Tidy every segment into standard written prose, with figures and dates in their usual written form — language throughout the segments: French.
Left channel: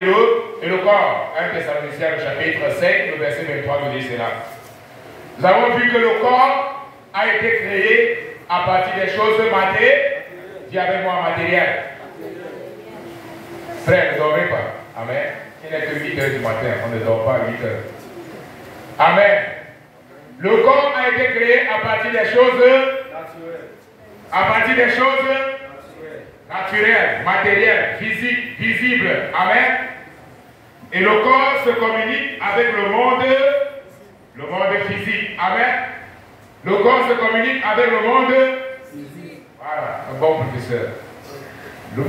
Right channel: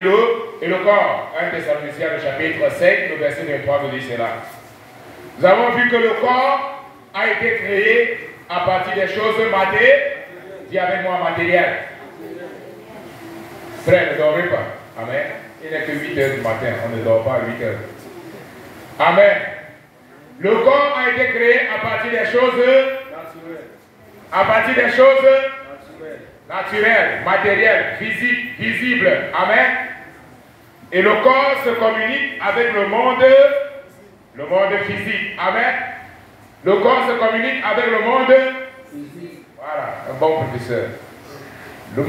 Et le corps, 1 Thessaloniciens, le chapitre 5, le verset 23 nous dit cela. Nous avons vu que le corps a été créé à partir des choses matérielles. Dis avec moi matériel. Frère, ne dormez pas. Amen. Il n'est que 8 heures du matin. On ne dort pas à 8 heures. Amen. Le corps a été créé à partir des choses naturelles. À partir des choses naturelles, matérielles, physiques, visibles. Amen. Et le corps se communique avec le monde physique. Amen. Le corps se communique avec le monde physique. Voilà, un bon professeur. Le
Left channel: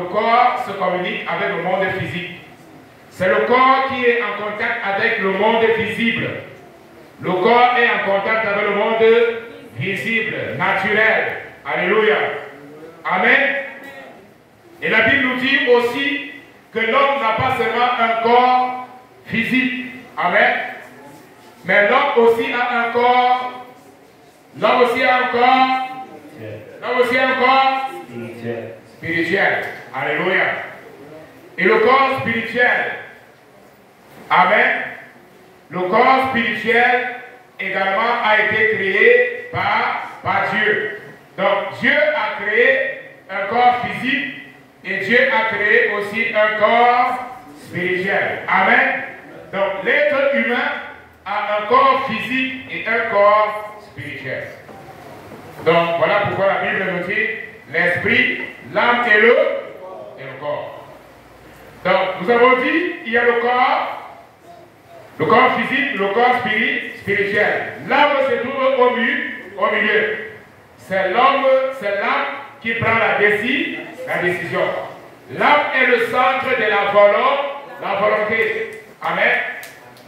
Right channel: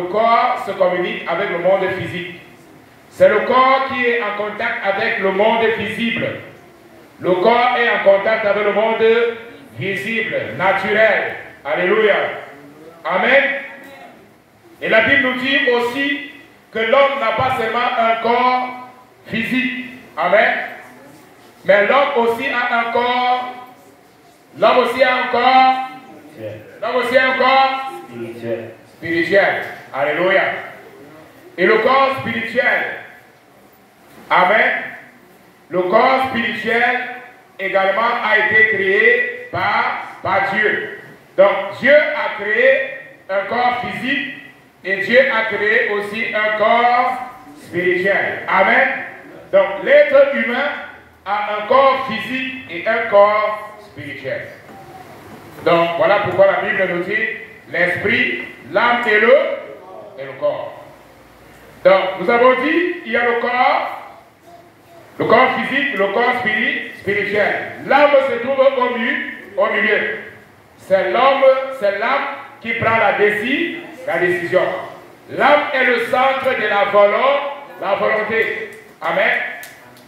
corps se communique avec le monde physique. C'est le corps qui est en contact avec le monde visible. Le corps est en contact avec le monde visible, naturel. Alléluia. Amen. Et la Bible nous dit aussi que l'homme n'a pas seulement un corps physique. Amen. Mais l'homme aussi a un corps. L'homme aussi a un corps. L'homme aussi a un corps spirituel. Alléluia. Et le corps spirituel. Amen. Le corps spirituel également a été créé par Dieu. Donc Dieu a créé un corps physique et Dieu a créé aussi un corps spirituel. Amen. Donc l'être humain a un corps physique et un corps spirituel. Donc voilà pourquoi la Bible nous dit l'esprit, l'âme et le corps. Donc nous avons dit il y a le corps physique, le corps spirituel. L'âme se trouve au milieu. C'est l'âme qui prend la décision. L'âme est le centre de la volonté. Amen.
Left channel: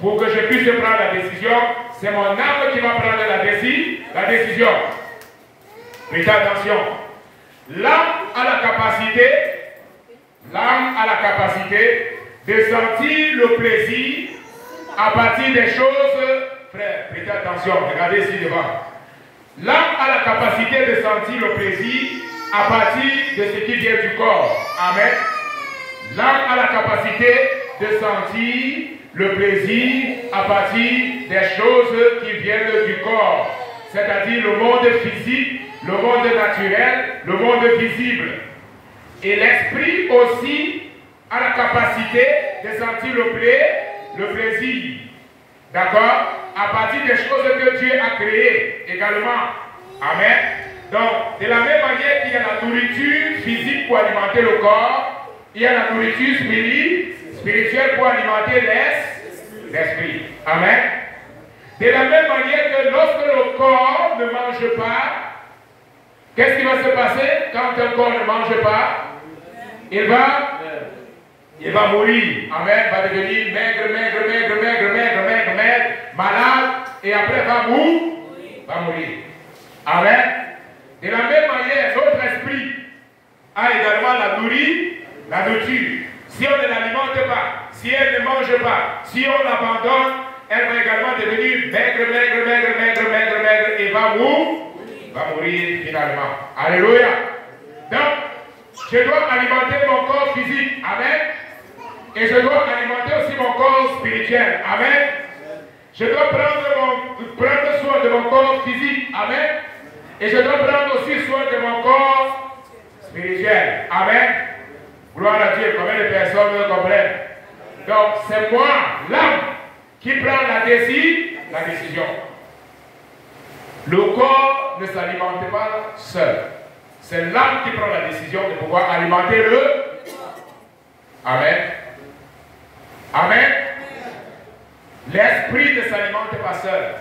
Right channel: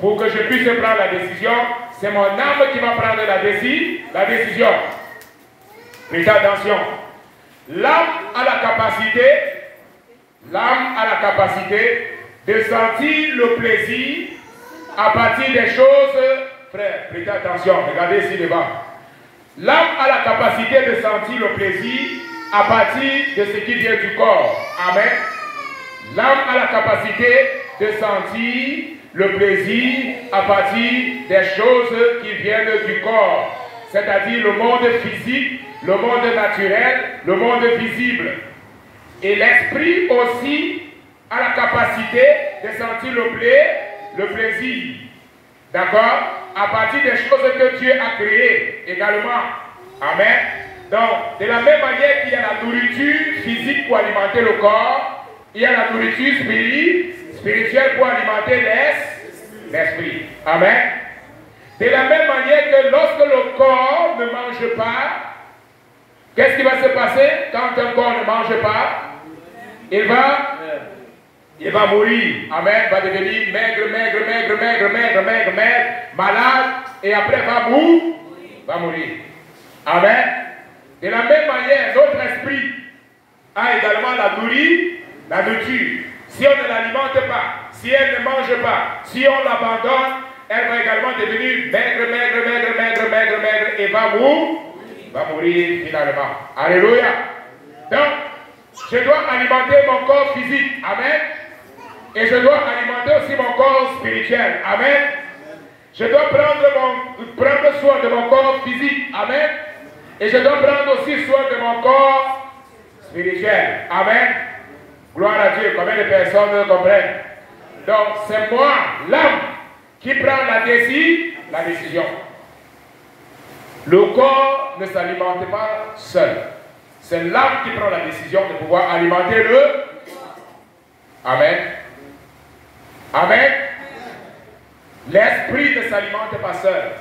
Pour que je puisse prendre la décision, c'est mon âme qui va prendre la décision. Prêtez attention. L'âme a la capacité de sentir le plaisir à partir des choses, frère, prêtez attention, regardez ici devant. L'âme a la capacité de sentir le plaisir à partir de ce qui vient du corps. Amen. L'âme a la capacité de sentir le plaisir à partir des choses qui viennent du corps. C'est-à-dire le monde physique, le monde naturel, le monde visible. Et l'esprit aussi a la capacité de sentir le plaisir. D'accord? À partir des choses que Dieu a créées également. Amen. Donc, de la même manière qu'il y a la nourriture physique pour alimenter le corps, il y a la nourriture spirituelle pour alimenter l'esprit. Amen. De la même manière que lorsque le corps ne mange pas, qu'est-ce qui va se passer quand un corps ne mange pas? Il va mourir. Amen. Va devenir maigre, malade, et après va mourir. Amen. De la même manière, notre esprit a également la nourriture. Si on ne l'alimente pas, si elle ne mange pas, si on l'abandonne, elle va également devenir maigre, et va mourir finalement. Alléluia. Donc, je dois alimenter mon corps physique. Amen. Et je dois alimenter aussi mon corps spirituel. Amen. Je dois prendre soin de mon corps physique. Amen. Et je dois prendre aussi soin de mon corps spirituel. Amen. Gloire à Dieu. Combien de personnes comprennent? Donc, c'est moi, l'âme, qui prend la décision. Le corps ne s'alimente pas seul. C'est l'âme qui prend la décision de pouvoir alimenter le. Amen. Amen. L'esprit ne s'alimente pas seul.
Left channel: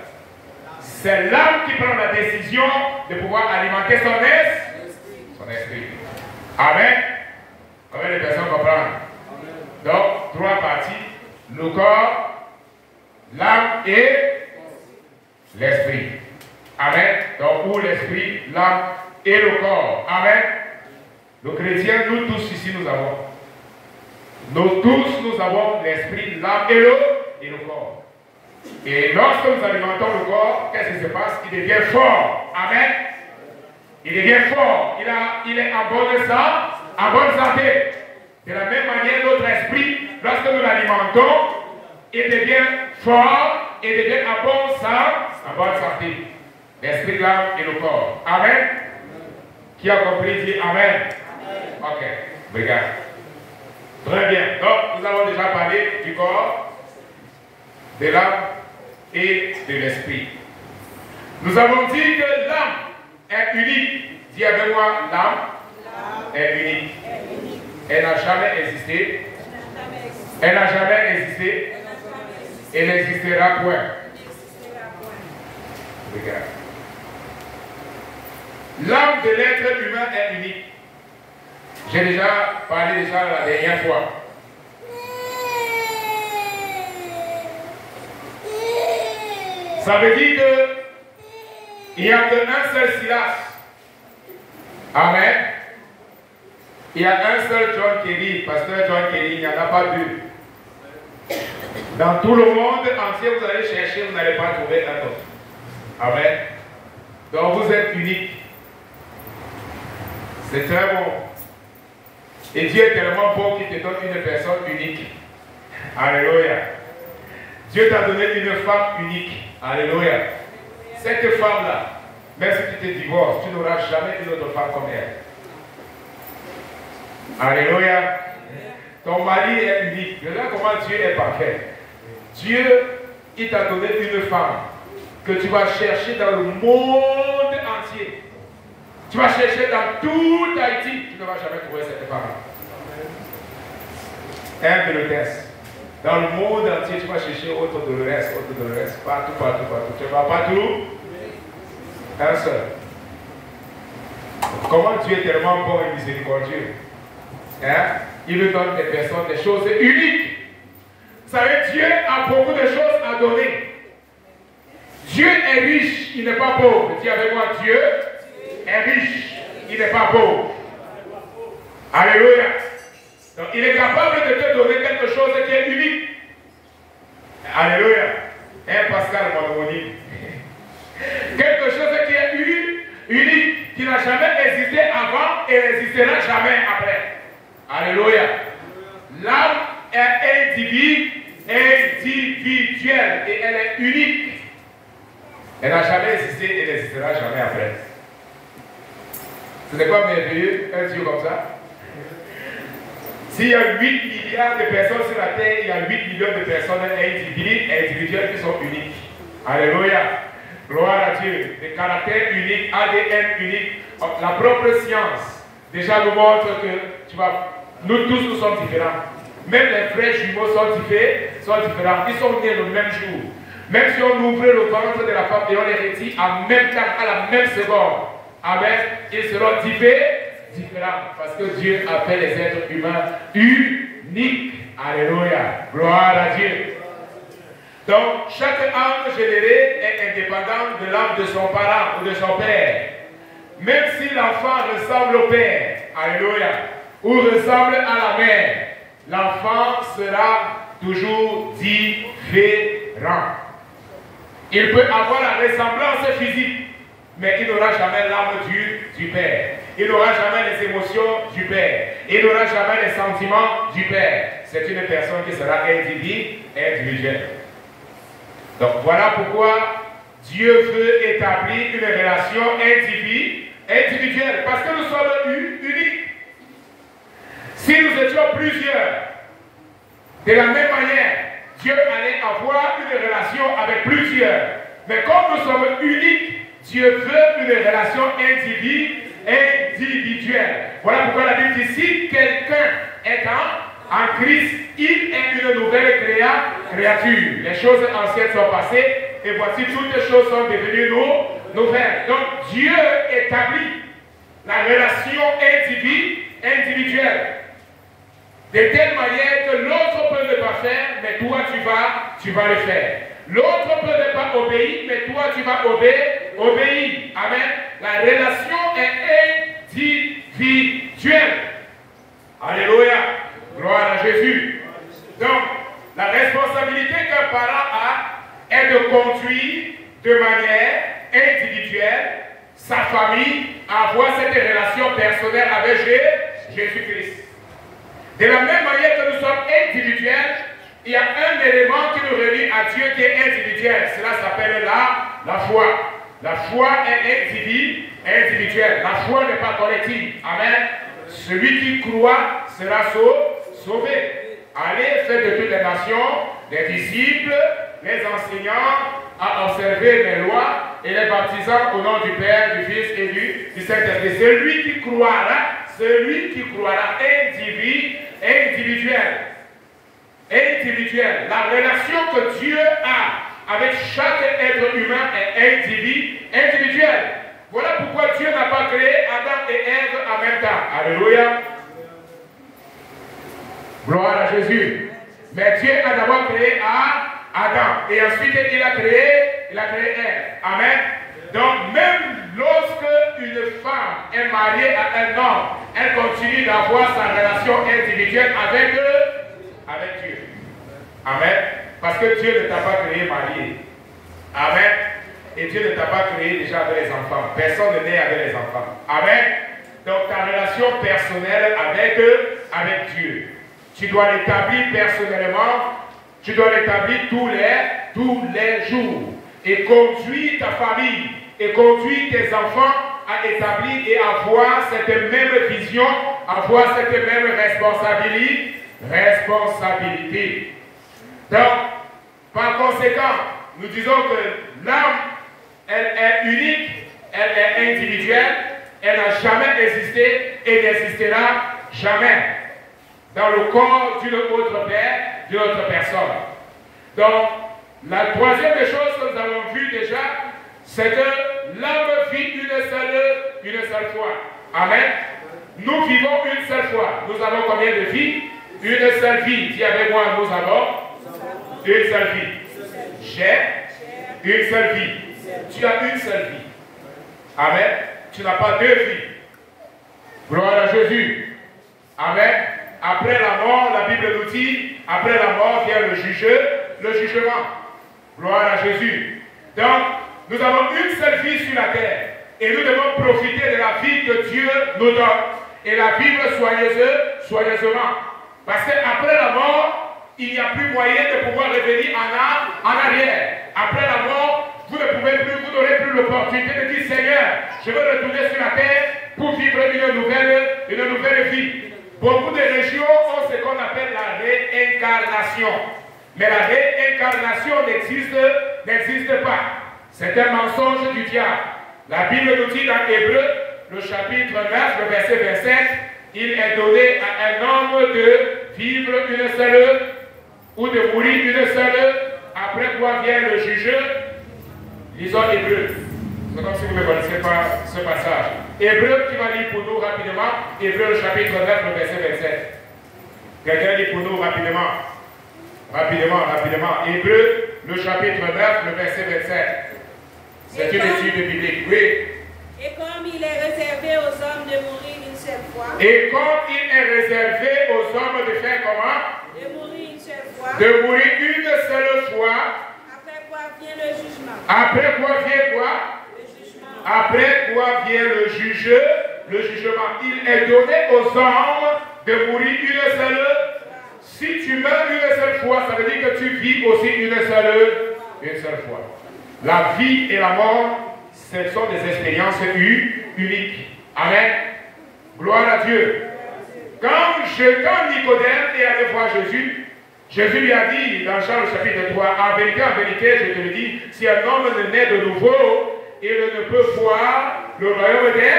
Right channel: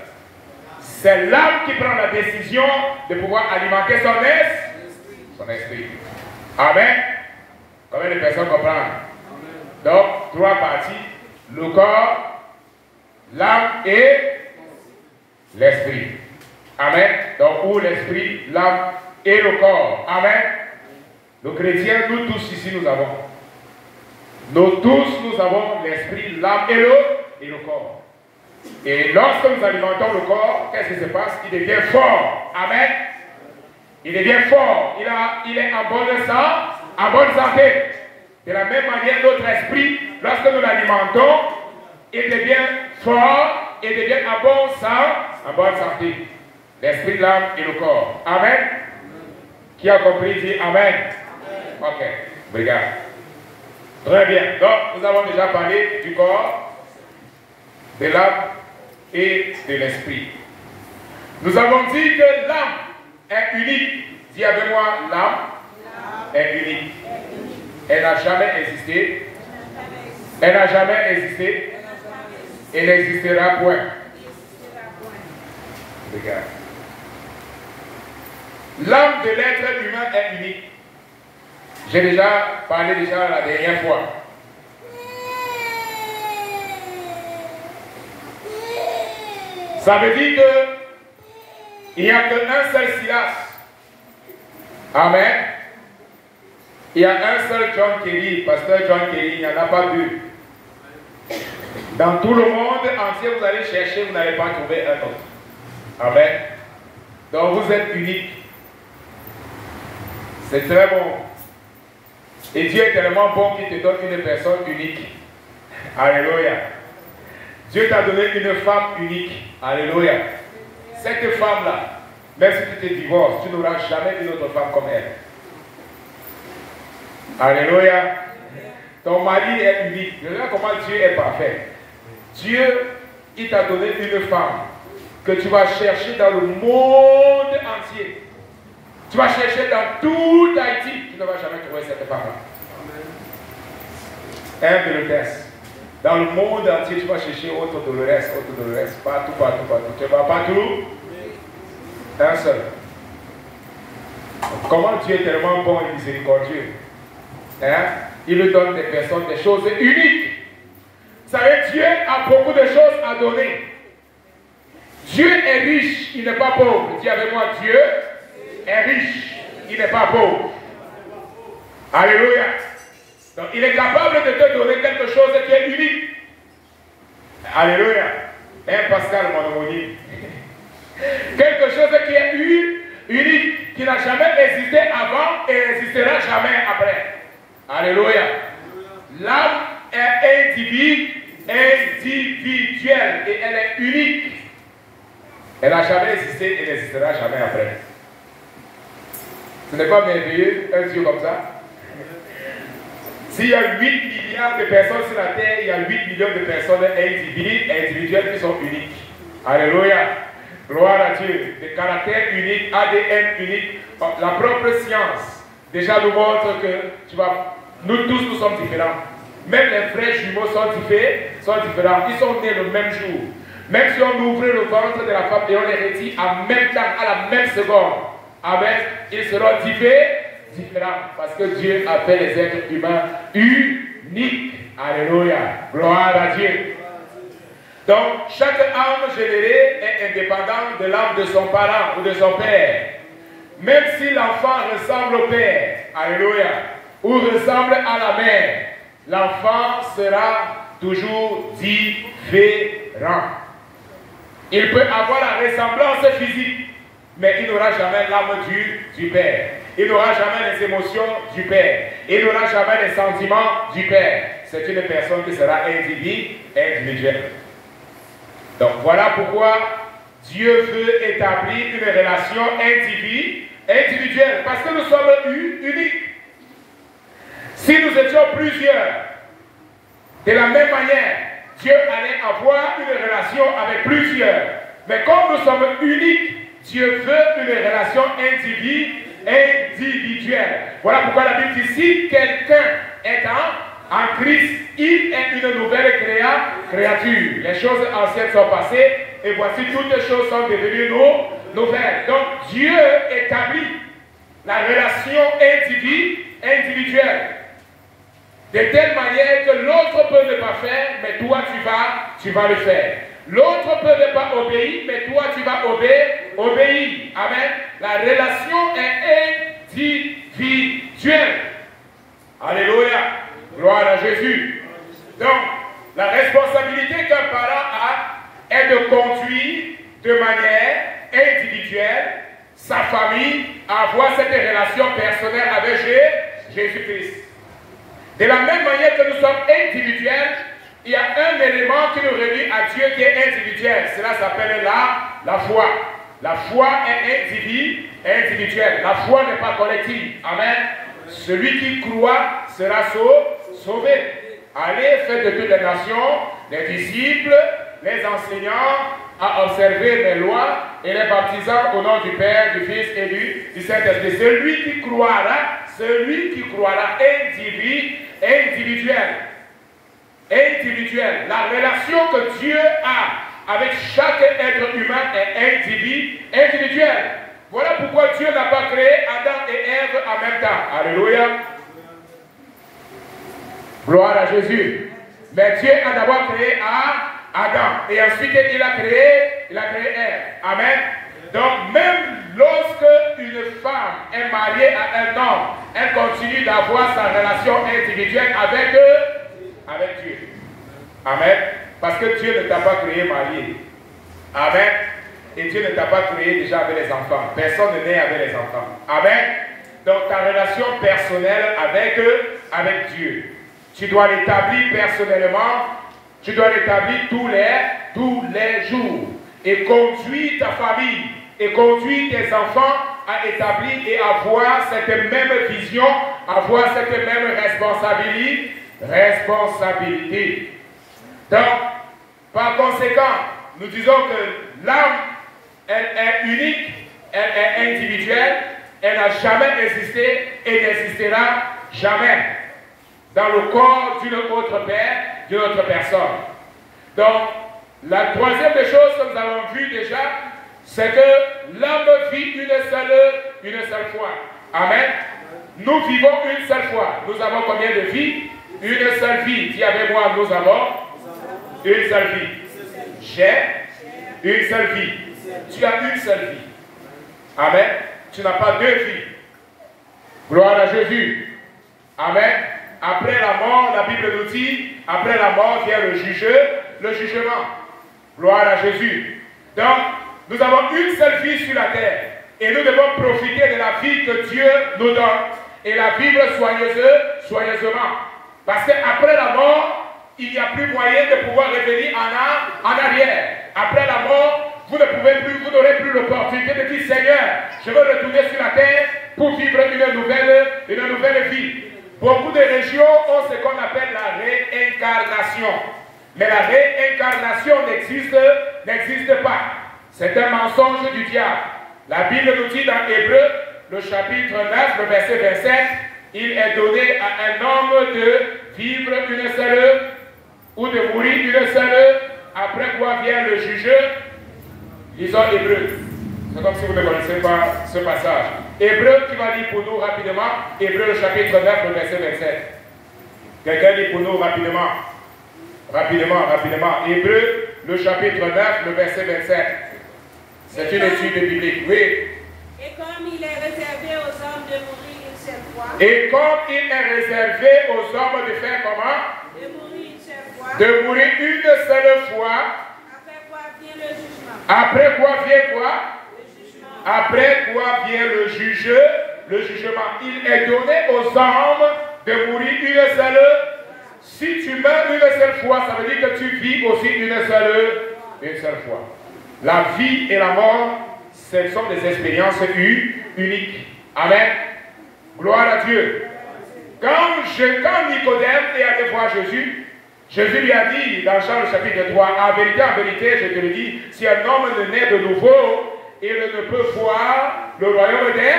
C'est l'âme qui prend la décision de pouvoir alimenter son esprit. Amen. Combien de personnes comprennent? Donc, trois parties. Le corps, l'âme et l'esprit. Amen. Donc, où l'esprit, l'âme et le corps. Amen. Nos chrétiens, nous tous ici, nous avons. Nous avons l'esprit, l'âme et le corps. Et lorsque nous alimentons le corps, qu'est-ce qui se passe? Il devient fort. Amen. Il devient fort. Il est en bonne santé. De la même manière, notre esprit, lorsque nous l'alimentons, il devient fort, il devient en bonne santé. L'esprit, l'âme et le corps. Amen. Qui a compris, dit Amen. Ok, regarde. Très bien. Donc, nous avons déjà parlé du corps, de l'âme et de l'esprit. Nous avons dit que l'âme est unique. Dis avec moi, l'âme est unique. Elle n'a jamais existé. Elle n'a jamais existé. Elle n'existera point. Regarde. L'âme de l'être humain est unique. J'ai déjà parlé la dernière fois. Ça veut dire qu'il n'y a qu'un seul Silas. Amen. Il y a un seul John Kelly, pasteur John Kelly, il n'y en a pas deux. Dans tout le monde entier, vous allez chercher, vous n'allez pas trouver un autre. Amen. Donc vous êtes unique. C'est très bon. Et Dieu est tellement bon qu'il te donne une personne unique. Alléluia. Dieu t'a donné une femme unique. Alléluia. Cette femme-là, même si tu te divorces, tu n'auras jamais une autre femme comme elle. Alléluia. Ton mari est unique. Regarde comment Dieu est parfait. Dieu, il t'a donné une femme que tu vas chercher dans le monde entier. Tu vas chercher dans tout Haïti. Tu ne vas jamais trouver cette femme. Un de le test. Dans le monde entier, tu vas chercher autre Dolores, partout. Tu vas partout. Un seul. Comment Dieu est tellement bon et miséricordieux. Hein? Il nous donne des personnes, des choses uniques. Vous savez, Dieu a beaucoup de choses à donner. Dieu est riche, il n'est pas pauvre. Dis avec moi, Dieu est riche, il n'est pas pauvre. Alléluia. Donc, il est capable de te donner quelque chose qui est unique. Alléluia. Pascal Mononi. Quelque chose qui est unique, qui n'a jamais existé avant et n'existera jamais après. Alléluia. L'âme est individuelle et elle est unique. Elle n'a jamais existé et n'existera jamais après. Ce n'est pas merveilleux, un Dieu comme ça? S'il y a 8 milliards de personnes sur la terre, il y a 8 millions de personnes individuelles qui sont uniques. Alléluia. Gloire à Dieu. Des caractères uniques, ADN unique. La propre science déjà nous montre que nous tous nous sommes différents. Même les frères jumeaux sont différents. Ils sont nés le même jour. Même si on ouvre le ventre de la femme et on les retire en même temps, à la même seconde. Amen. Ils seront différents. Parce que Dieu appelle les êtres humains uniques. Alléluia. Gloire à Dieu. Donc, chaque âme générée est indépendante de l'âme de son parent ou de son père. Même si l'enfant ressemble au père, alléluia, ou ressemble à la mère, l'enfant sera toujours différent. Il peut avoir la ressemblance physique, mais il n'aura jamais l'âme du père. Il n'aura jamais les émotions du père. Il n'aura jamais les sentiments du père. C'est une personne qui sera individuelle. Donc voilà pourquoi Dieu veut établir une relation individuelle. Parce que nous sommes uniques. Si nous étions plusieurs, de la même manière, Dieu allait avoir une relation avec plusieurs. Mais comme nous sommes uniques, Dieu veut une relation individuelle. Voilà pourquoi la Bible dit, si quelqu'un est en Christ, il est une nouvelle créature. Les choses anciennes sont passées et voici toutes les choses sont devenues nouvelles. Donc Dieu établit la relation individuelle de telle manière que l'autre peut ne pas faire, mais toi tu vas le faire. L'autre peut ne pas obéir, mais toi tu vas obéir. Amen. La relation est individuelle. Alléluia. Gloire à Jésus. Donc, la responsabilité qu'un parent a est de conduire de manière individuelle sa famille à avoir cette relation personnelle avec Jésus-Christ. De la même manière que nous sommes individuels, il y a un élément qui nous relie à Dieu qui est individuel. Cela s'appelle la foi. La foi est individuelle. La foi n'est pas collective. Amen. Celui qui croit sera sauvé. Allez, faites de toutes les nations des disciples, les enseignants à observer les lois et les baptisant au nom du Père, du Fils et du Saint-Esprit. Celui qui croira individuel. La relation que Dieu a avec chaque être humain est individuelle. Voilà pourquoi Dieu n'a pas créé Adam et Ève en même temps. Alléluia. Gloire à Jésus. Mais Dieu a d'abord créé Adam. Et ensuite il a créé Ève. Amen. Donc même lorsque une femme est mariée à un homme, elle continue d'avoir sa relation individuelle avec Dieu. Amen. Parce que Dieu ne t'a pas créé marié. Amen. Et Dieu ne t'a pas créé déjà avec les enfants. Personne ne naît avec les enfants. Amen. Donc ta relation personnelle avec Dieu, tu dois l'établir personnellement, tu dois l'établir tous les jours. Et conduire ta famille, et conduire tes enfants à établir et à avoir cette même vision, avoir cette même responsabilité. Donc, par conséquent, nous disons que l'âme, elle est unique, elle est individuelle, elle n'a jamais existé et n'existera jamais dans le corps d'une autre personne. Donc, la troisième des choses que nous avons vues déjà, c'est que l'homme vit une seule fois. Amen. Nous vivons une seule fois. Nous avons combien de vies? Une seule vie. Dis avec moi, nous avons une seule vie. J'ai une seule vie. Tu as une seule vie. Amen. Tu n'as pas deux vies. Gloire à Jésus. Amen. Après la mort, la Bible nous dit, après la mort vient le jugement. Gloire à Jésus. Donc, nous avons une seule vie sur la terre. Et nous devons profiter de la vie que Dieu nous donne. Et la vivre soigneusement. Parce qu'après la mort, il n'y a plus moyen de pouvoir revenir en arrière. Après la mort, vous n'aurez plus l'opportunité de dire, Seigneur, je veux retourner sur la terre pour vivre une nouvelle vie. Beaucoup de régions ont ce qu'on appelle la réincarnation. Mais la réincarnation n'existe pas. C'est un mensonge du diable. La Bible nous dit dans Hébreu, le chapitre 9, le verset 27, il est donné à un homme de vivre une seule, ou de mourir une seule, après quoi vient le jugeur. Lisons Hébreu. C'est comme si vous ne connaissez pas ce passage. Hébreu, qui va lire pour nous rapidement. Hébreu, le chapitre 9, le verset 27. Quelqu'un lit pour nous rapidement. Rapidement. Hébreu, le chapitre 9, le verset 27. C'est une étude biblique. Oui. Et comme il est réservé aux hommes de mourir une seule fois. Et comme il est réservé aux hommes de faire comment? De mourir une seule fois. De mourir une seule fois. Après quoi vient le jugement. Après quoi vient quoi? Le jugement. Après quoi vient le jugement. Il est donné aux hommes de mourir une seule. Si tu meurs une seule fois, ça veut dire que tu vis aussi une seule fois. La vie et la mort, ce sont des expériences uniques. Amen. Gloire à Dieu. Quand Nicodème est allé voir Jésus lui a dit dans Jean le chapitre 3, en vérité, je te le dis, si un homme ne naît de nouveau, il ne peut voir le royaume des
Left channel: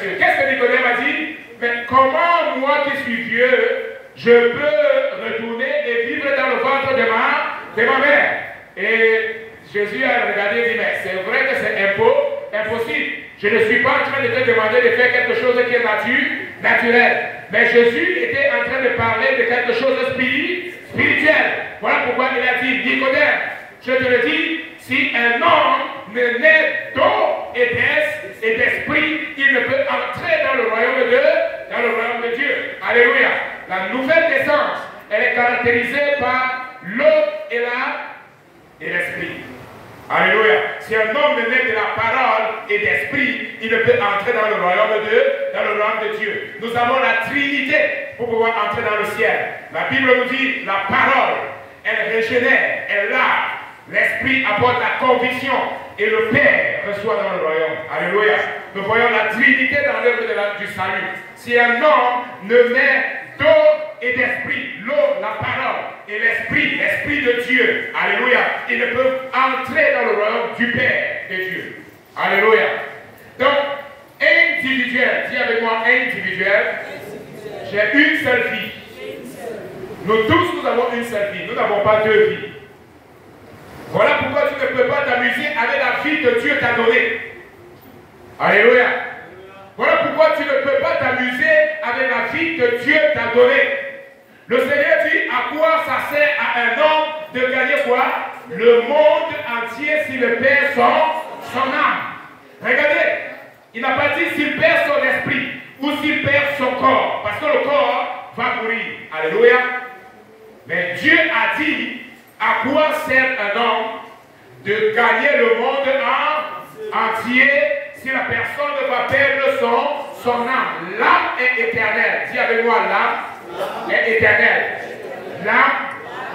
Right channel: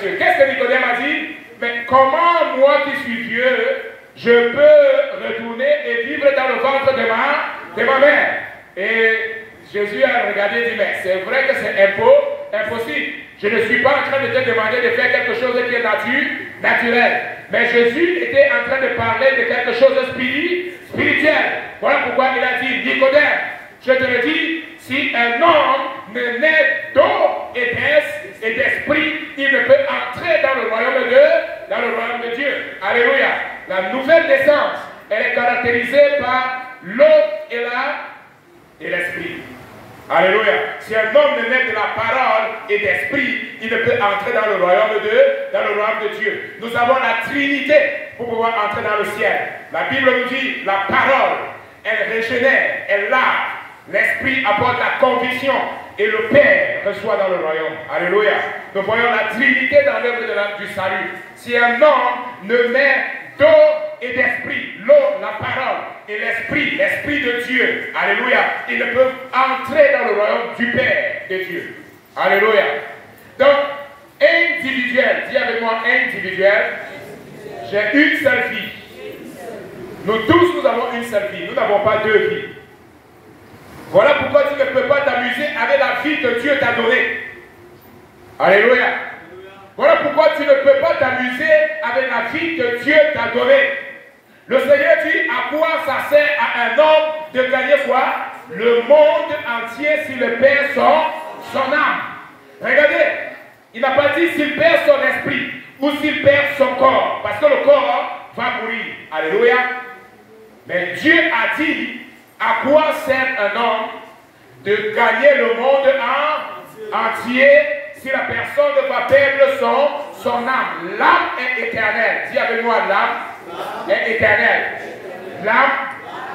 cieux. Qu'est-ce que Nicodème a dit? Mais comment moi qui suis vieux, je peux retourner et vivre dans le ventre de ma mère? Et Jésus a regardé et dit, mais c'est vrai que c'est impossible. Je ne suis pas en train de te demander de faire quelque chose qui est naturel. Mais Jésus était en train de parler de quelque chose de spirituel. Voilà pourquoi il a dit, Nicodème, je te le dis, si un homme ne naît d'eau et d'esprit, il ne peut entrer dans le royaume de Dieu. Alléluia. La nouvelle naissance, elle est caractérisée par l'eau et l'esprit. Alléluia. Si un homme ne naît de la parole et d'esprit, il ne peut entrer dans le royaume de Dieu. Nous avons la Trinité. pour pouvoir entrer dans le ciel. La Bible nous dit, la parole, elle régénère, elle lave. L'Esprit apporte la conviction et le Père reçoit dans le royaume. Alléluia. Nous voyons la Trinité dans l'œuvre du salut. Si un homme ne met d'eau et d'esprit, l'eau, la parole et l'esprit de Dieu, alléluia, il ne peut entrer dans le royaume du Père de Dieu. Alléluia. Donc, individuel, dis avec moi individuel, j'ai une seule vie. Nous tous, nous avons une seule vie, nous n'avons pas deux vies. Voilà pourquoi tu ne peux pas t'amuser avec la vie que Dieu t'a donnée. Alléluia. Voilà pourquoi tu ne peux pas t'amuser avec la vie que Dieu t'a donnée. Le Seigneur dit, à quoi ça sert à un homme de gagner quoi? Le monde entier s'il perd son âme. Regardez, il n'a pas dit s'il perd son esprit ou s'il perd son corps, parce que le corps va mourir. Alléluia. Mais Dieu a dit, à quoi sert un homme de gagner le monde entier si la personne va perdre son âme? L'âme est éternelle. Dis avec moi, l'âme est éternelle. L'âme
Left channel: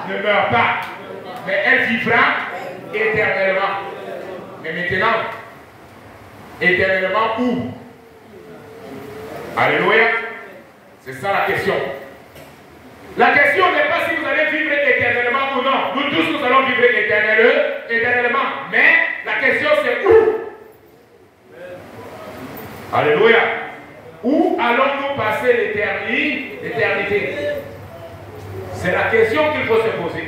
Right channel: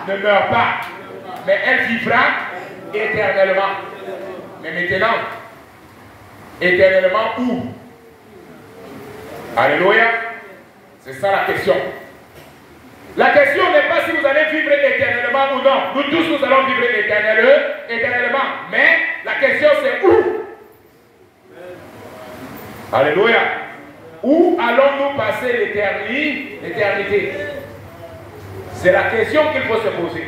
ne meurt pas, mais elle vivra éternellement. Mais maintenant, éternellement où? Alléluia. C'est ça la question. La question n'est pas si vous allez vivre éternellement ou non. Nous tous, nous allons vivre éternellement. Mais la question c'est où? Alléluia. Où allons-nous passer l'éternité? C'est la question qu'il faut se poser.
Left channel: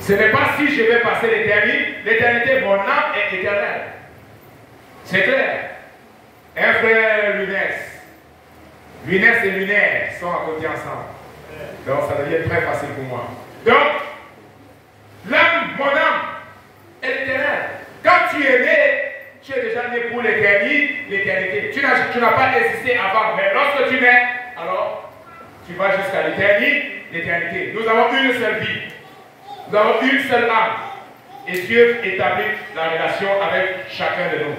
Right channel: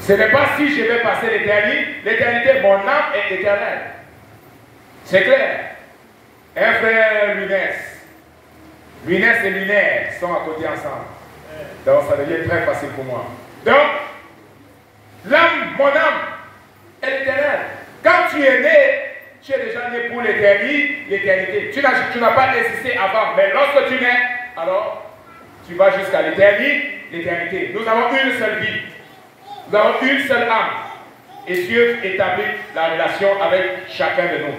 Ce n'est pas si je vais passer l'éternité, mon âme est éternelle. C'est clair. Un frère Lunès et Lunaire sont à côté ensemble. Donc ça devient très facile pour moi. Donc, l'âme, mon âme, est éternelle. Quand tu es né, tu es déjà né pour l'éternité. Tu n'as pas existé avant, mais lorsque tu nais, alors tu vas jusqu'à l'éternité. Nous avons une seule vie. Nous avons une seule âme. Et Dieu établit la relation avec chacun de nous.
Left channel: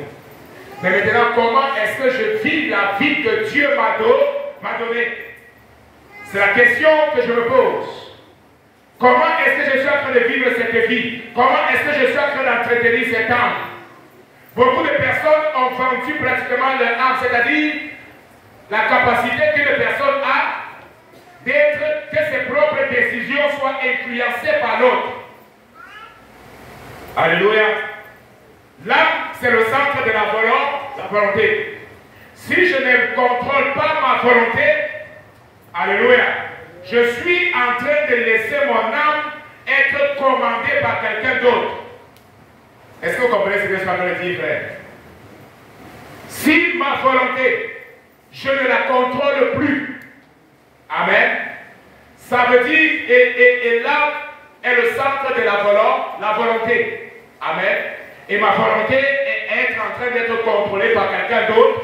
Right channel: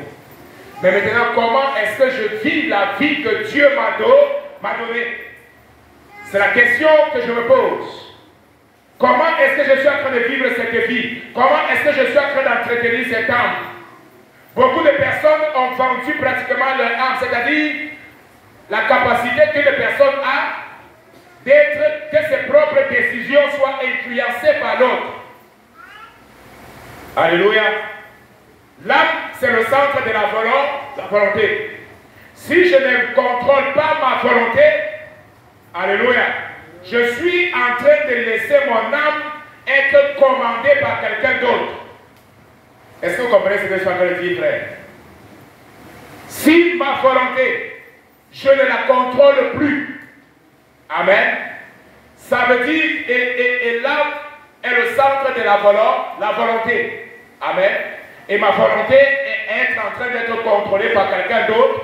Mais maintenant, comment est-ce que je vis la vie que Dieu m'a donnée? C'est la question que je me pose. Comment est-ce que je suis en train de vivre cette vie? Comment est-ce que je suis en train d'entretenir cette âme? Beaucoup de personnes ont vendu pratiquement leur âme, c'est-à-dire la capacité qu'une personne a d'être, que ses propres décisions soient influencées par l'autre. Alléluia. L'âme, c'est le centre de la volonté. Si je ne contrôle pas ma volonté, alléluia, je suis en train de laisser mon âme être commandée par quelqu'un d'autre. Est-ce que vous comprenez ce que je suis en train de dire, frère? Si ma volonté, je ne la contrôle plus, amen, ça veut dire, et l'âme est le centre de la volonté, amen, et ma volonté est être en train d'être contrôlée par quelqu'un d'autre,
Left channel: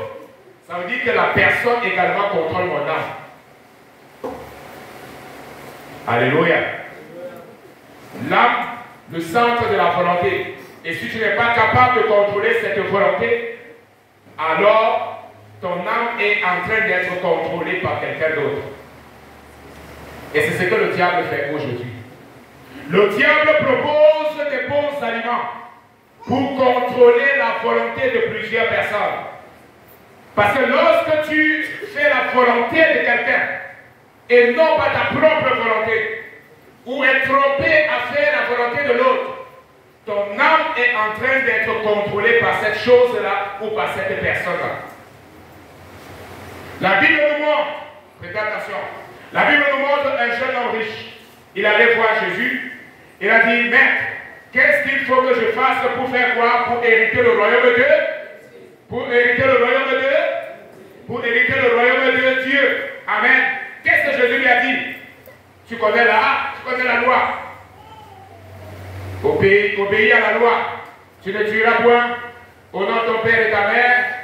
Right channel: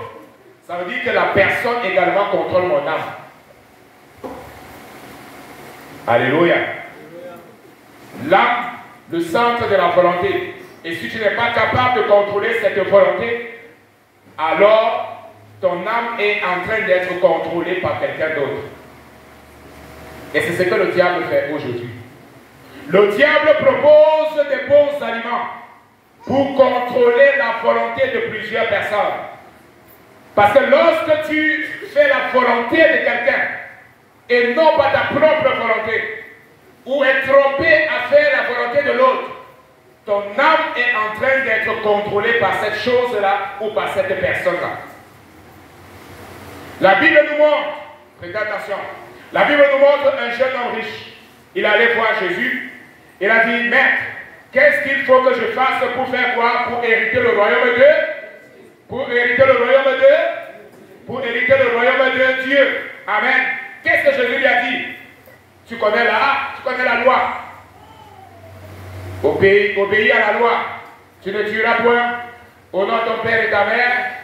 ça veut dire que la personne également contrôle mon âme. Alléluia. L'âme, le centre de la volonté. Et si tu n'es pas capable de contrôler cette volonté, alors ton âme est en train d'être contrôlée par quelqu'un d'autre. Et c'est ce que le diable fait aujourd'hui. Le diable propose des bons aliments pour contrôler la volonté de plusieurs personnes. Parce que lorsque tu fais la volonté de quelqu'un et non pas ta propre volonté, ou est trompé à faire la volonté de l'autre, ton âme est en train d'être contrôlée par cette chose-là ou par cette personne-là. La Bible nous montre, faites attention, la Bible nous montre un jeune homme riche. Il allait voir Jésus. Il a dit, Maître, qu'est-ce qu'il faut que je fasse pour faire quoi? Pour hériter le royaume de Dieu? Pour hériter le royaume de Dieu? Pour hériter le royaume de Dieu. Amen. Qu'est-ce que Jésus lui a dit? Tu connais la loi. Obéis à la loi. Tu ne tueras point. Honore ton père et ta mère.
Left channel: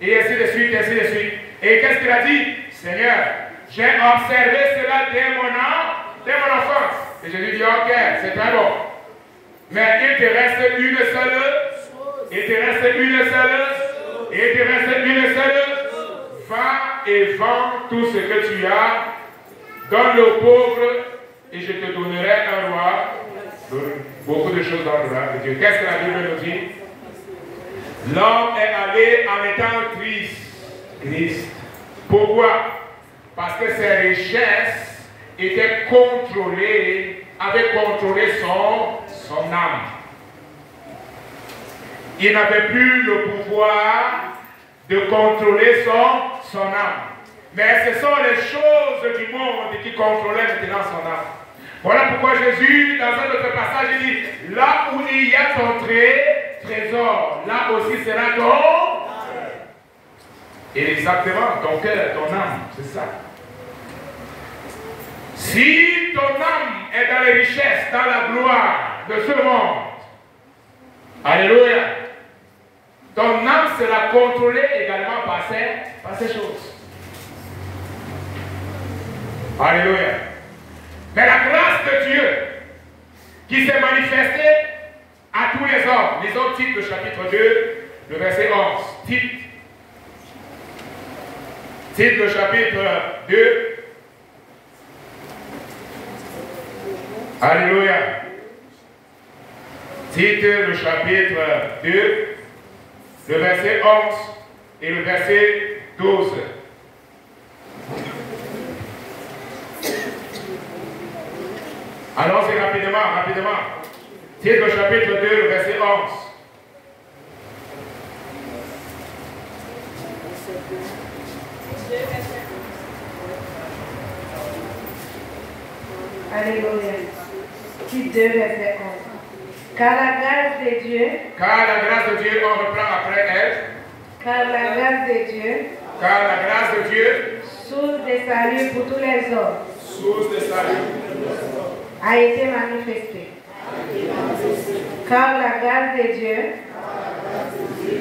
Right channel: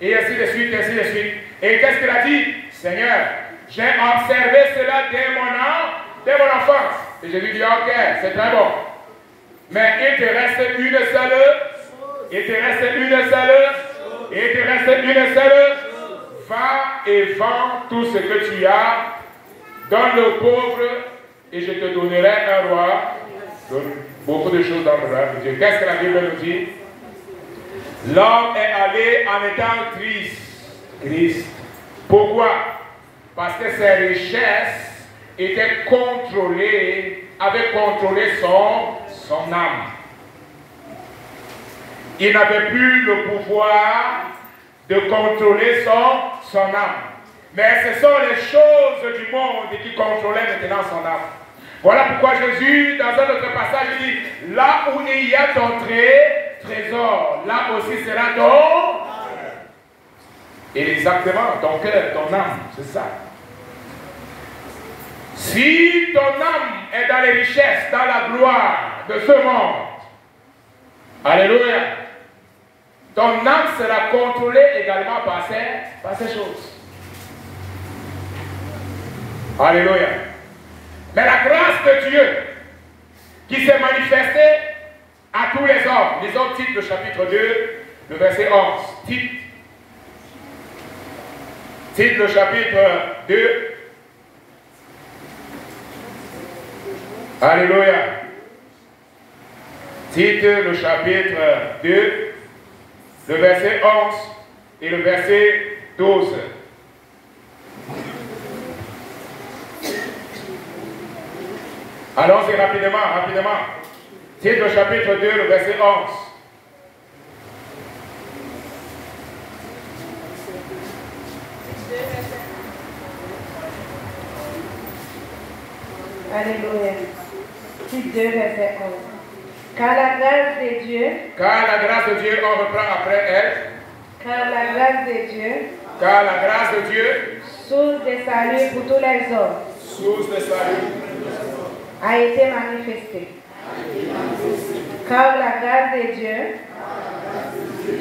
Et ainsi de suite, ainsi de suite. Et qu'est-ce qu'il a dit? Seigneur, j'ai observé cela dès mon enfance. Et Jésus dit, ok, c'est très bon. Mais il te reste une seule va et vends tout ce que tu as, donne le pauvre, et je te donnerai un roi. Beaucoup de choses dans le roi de Dieu. Qu'est-ce que la Bible nous dit? L'homme est allé en étant triste. Pourquoi? Parce que ses richesses étaient contrôlées, avaient contrôlé son âme. Il n'avait plus le pouvoir de contrôler son âme. Mais ce sont les choses du monde qui contrôlaient maintenant son âme. Voilà pourquoi Jésus, dans un autre passage, il dit, là où il y a ton trésor, là aussi sera ton... Et exactement, ton cœur, ton âme, c'est ça. Si ton âme est dans les richesses, dans la gloire de ce monde, alléluia, ton âme sera contrôlée également par ces choses. Alléluia. Mais la grâce de Dieu qui s'est manifestée à tous les hommes. Lisons Tite, le chapitre 2, le verset 11. Tite, le chapitre 2. Alléluia. Tite, le chapitre 2, le verset 11 et le verset 12. Allons-y rapidement. Tite, le chapitre 2, le verset 11. Alléluia. Tite 2, verset 11. Car la grâce de Dieu, on reprend après elle. Car la grâce de Dieu, source de salut pour tous les hommes, a été manifestée. Car la grâce de Dieu,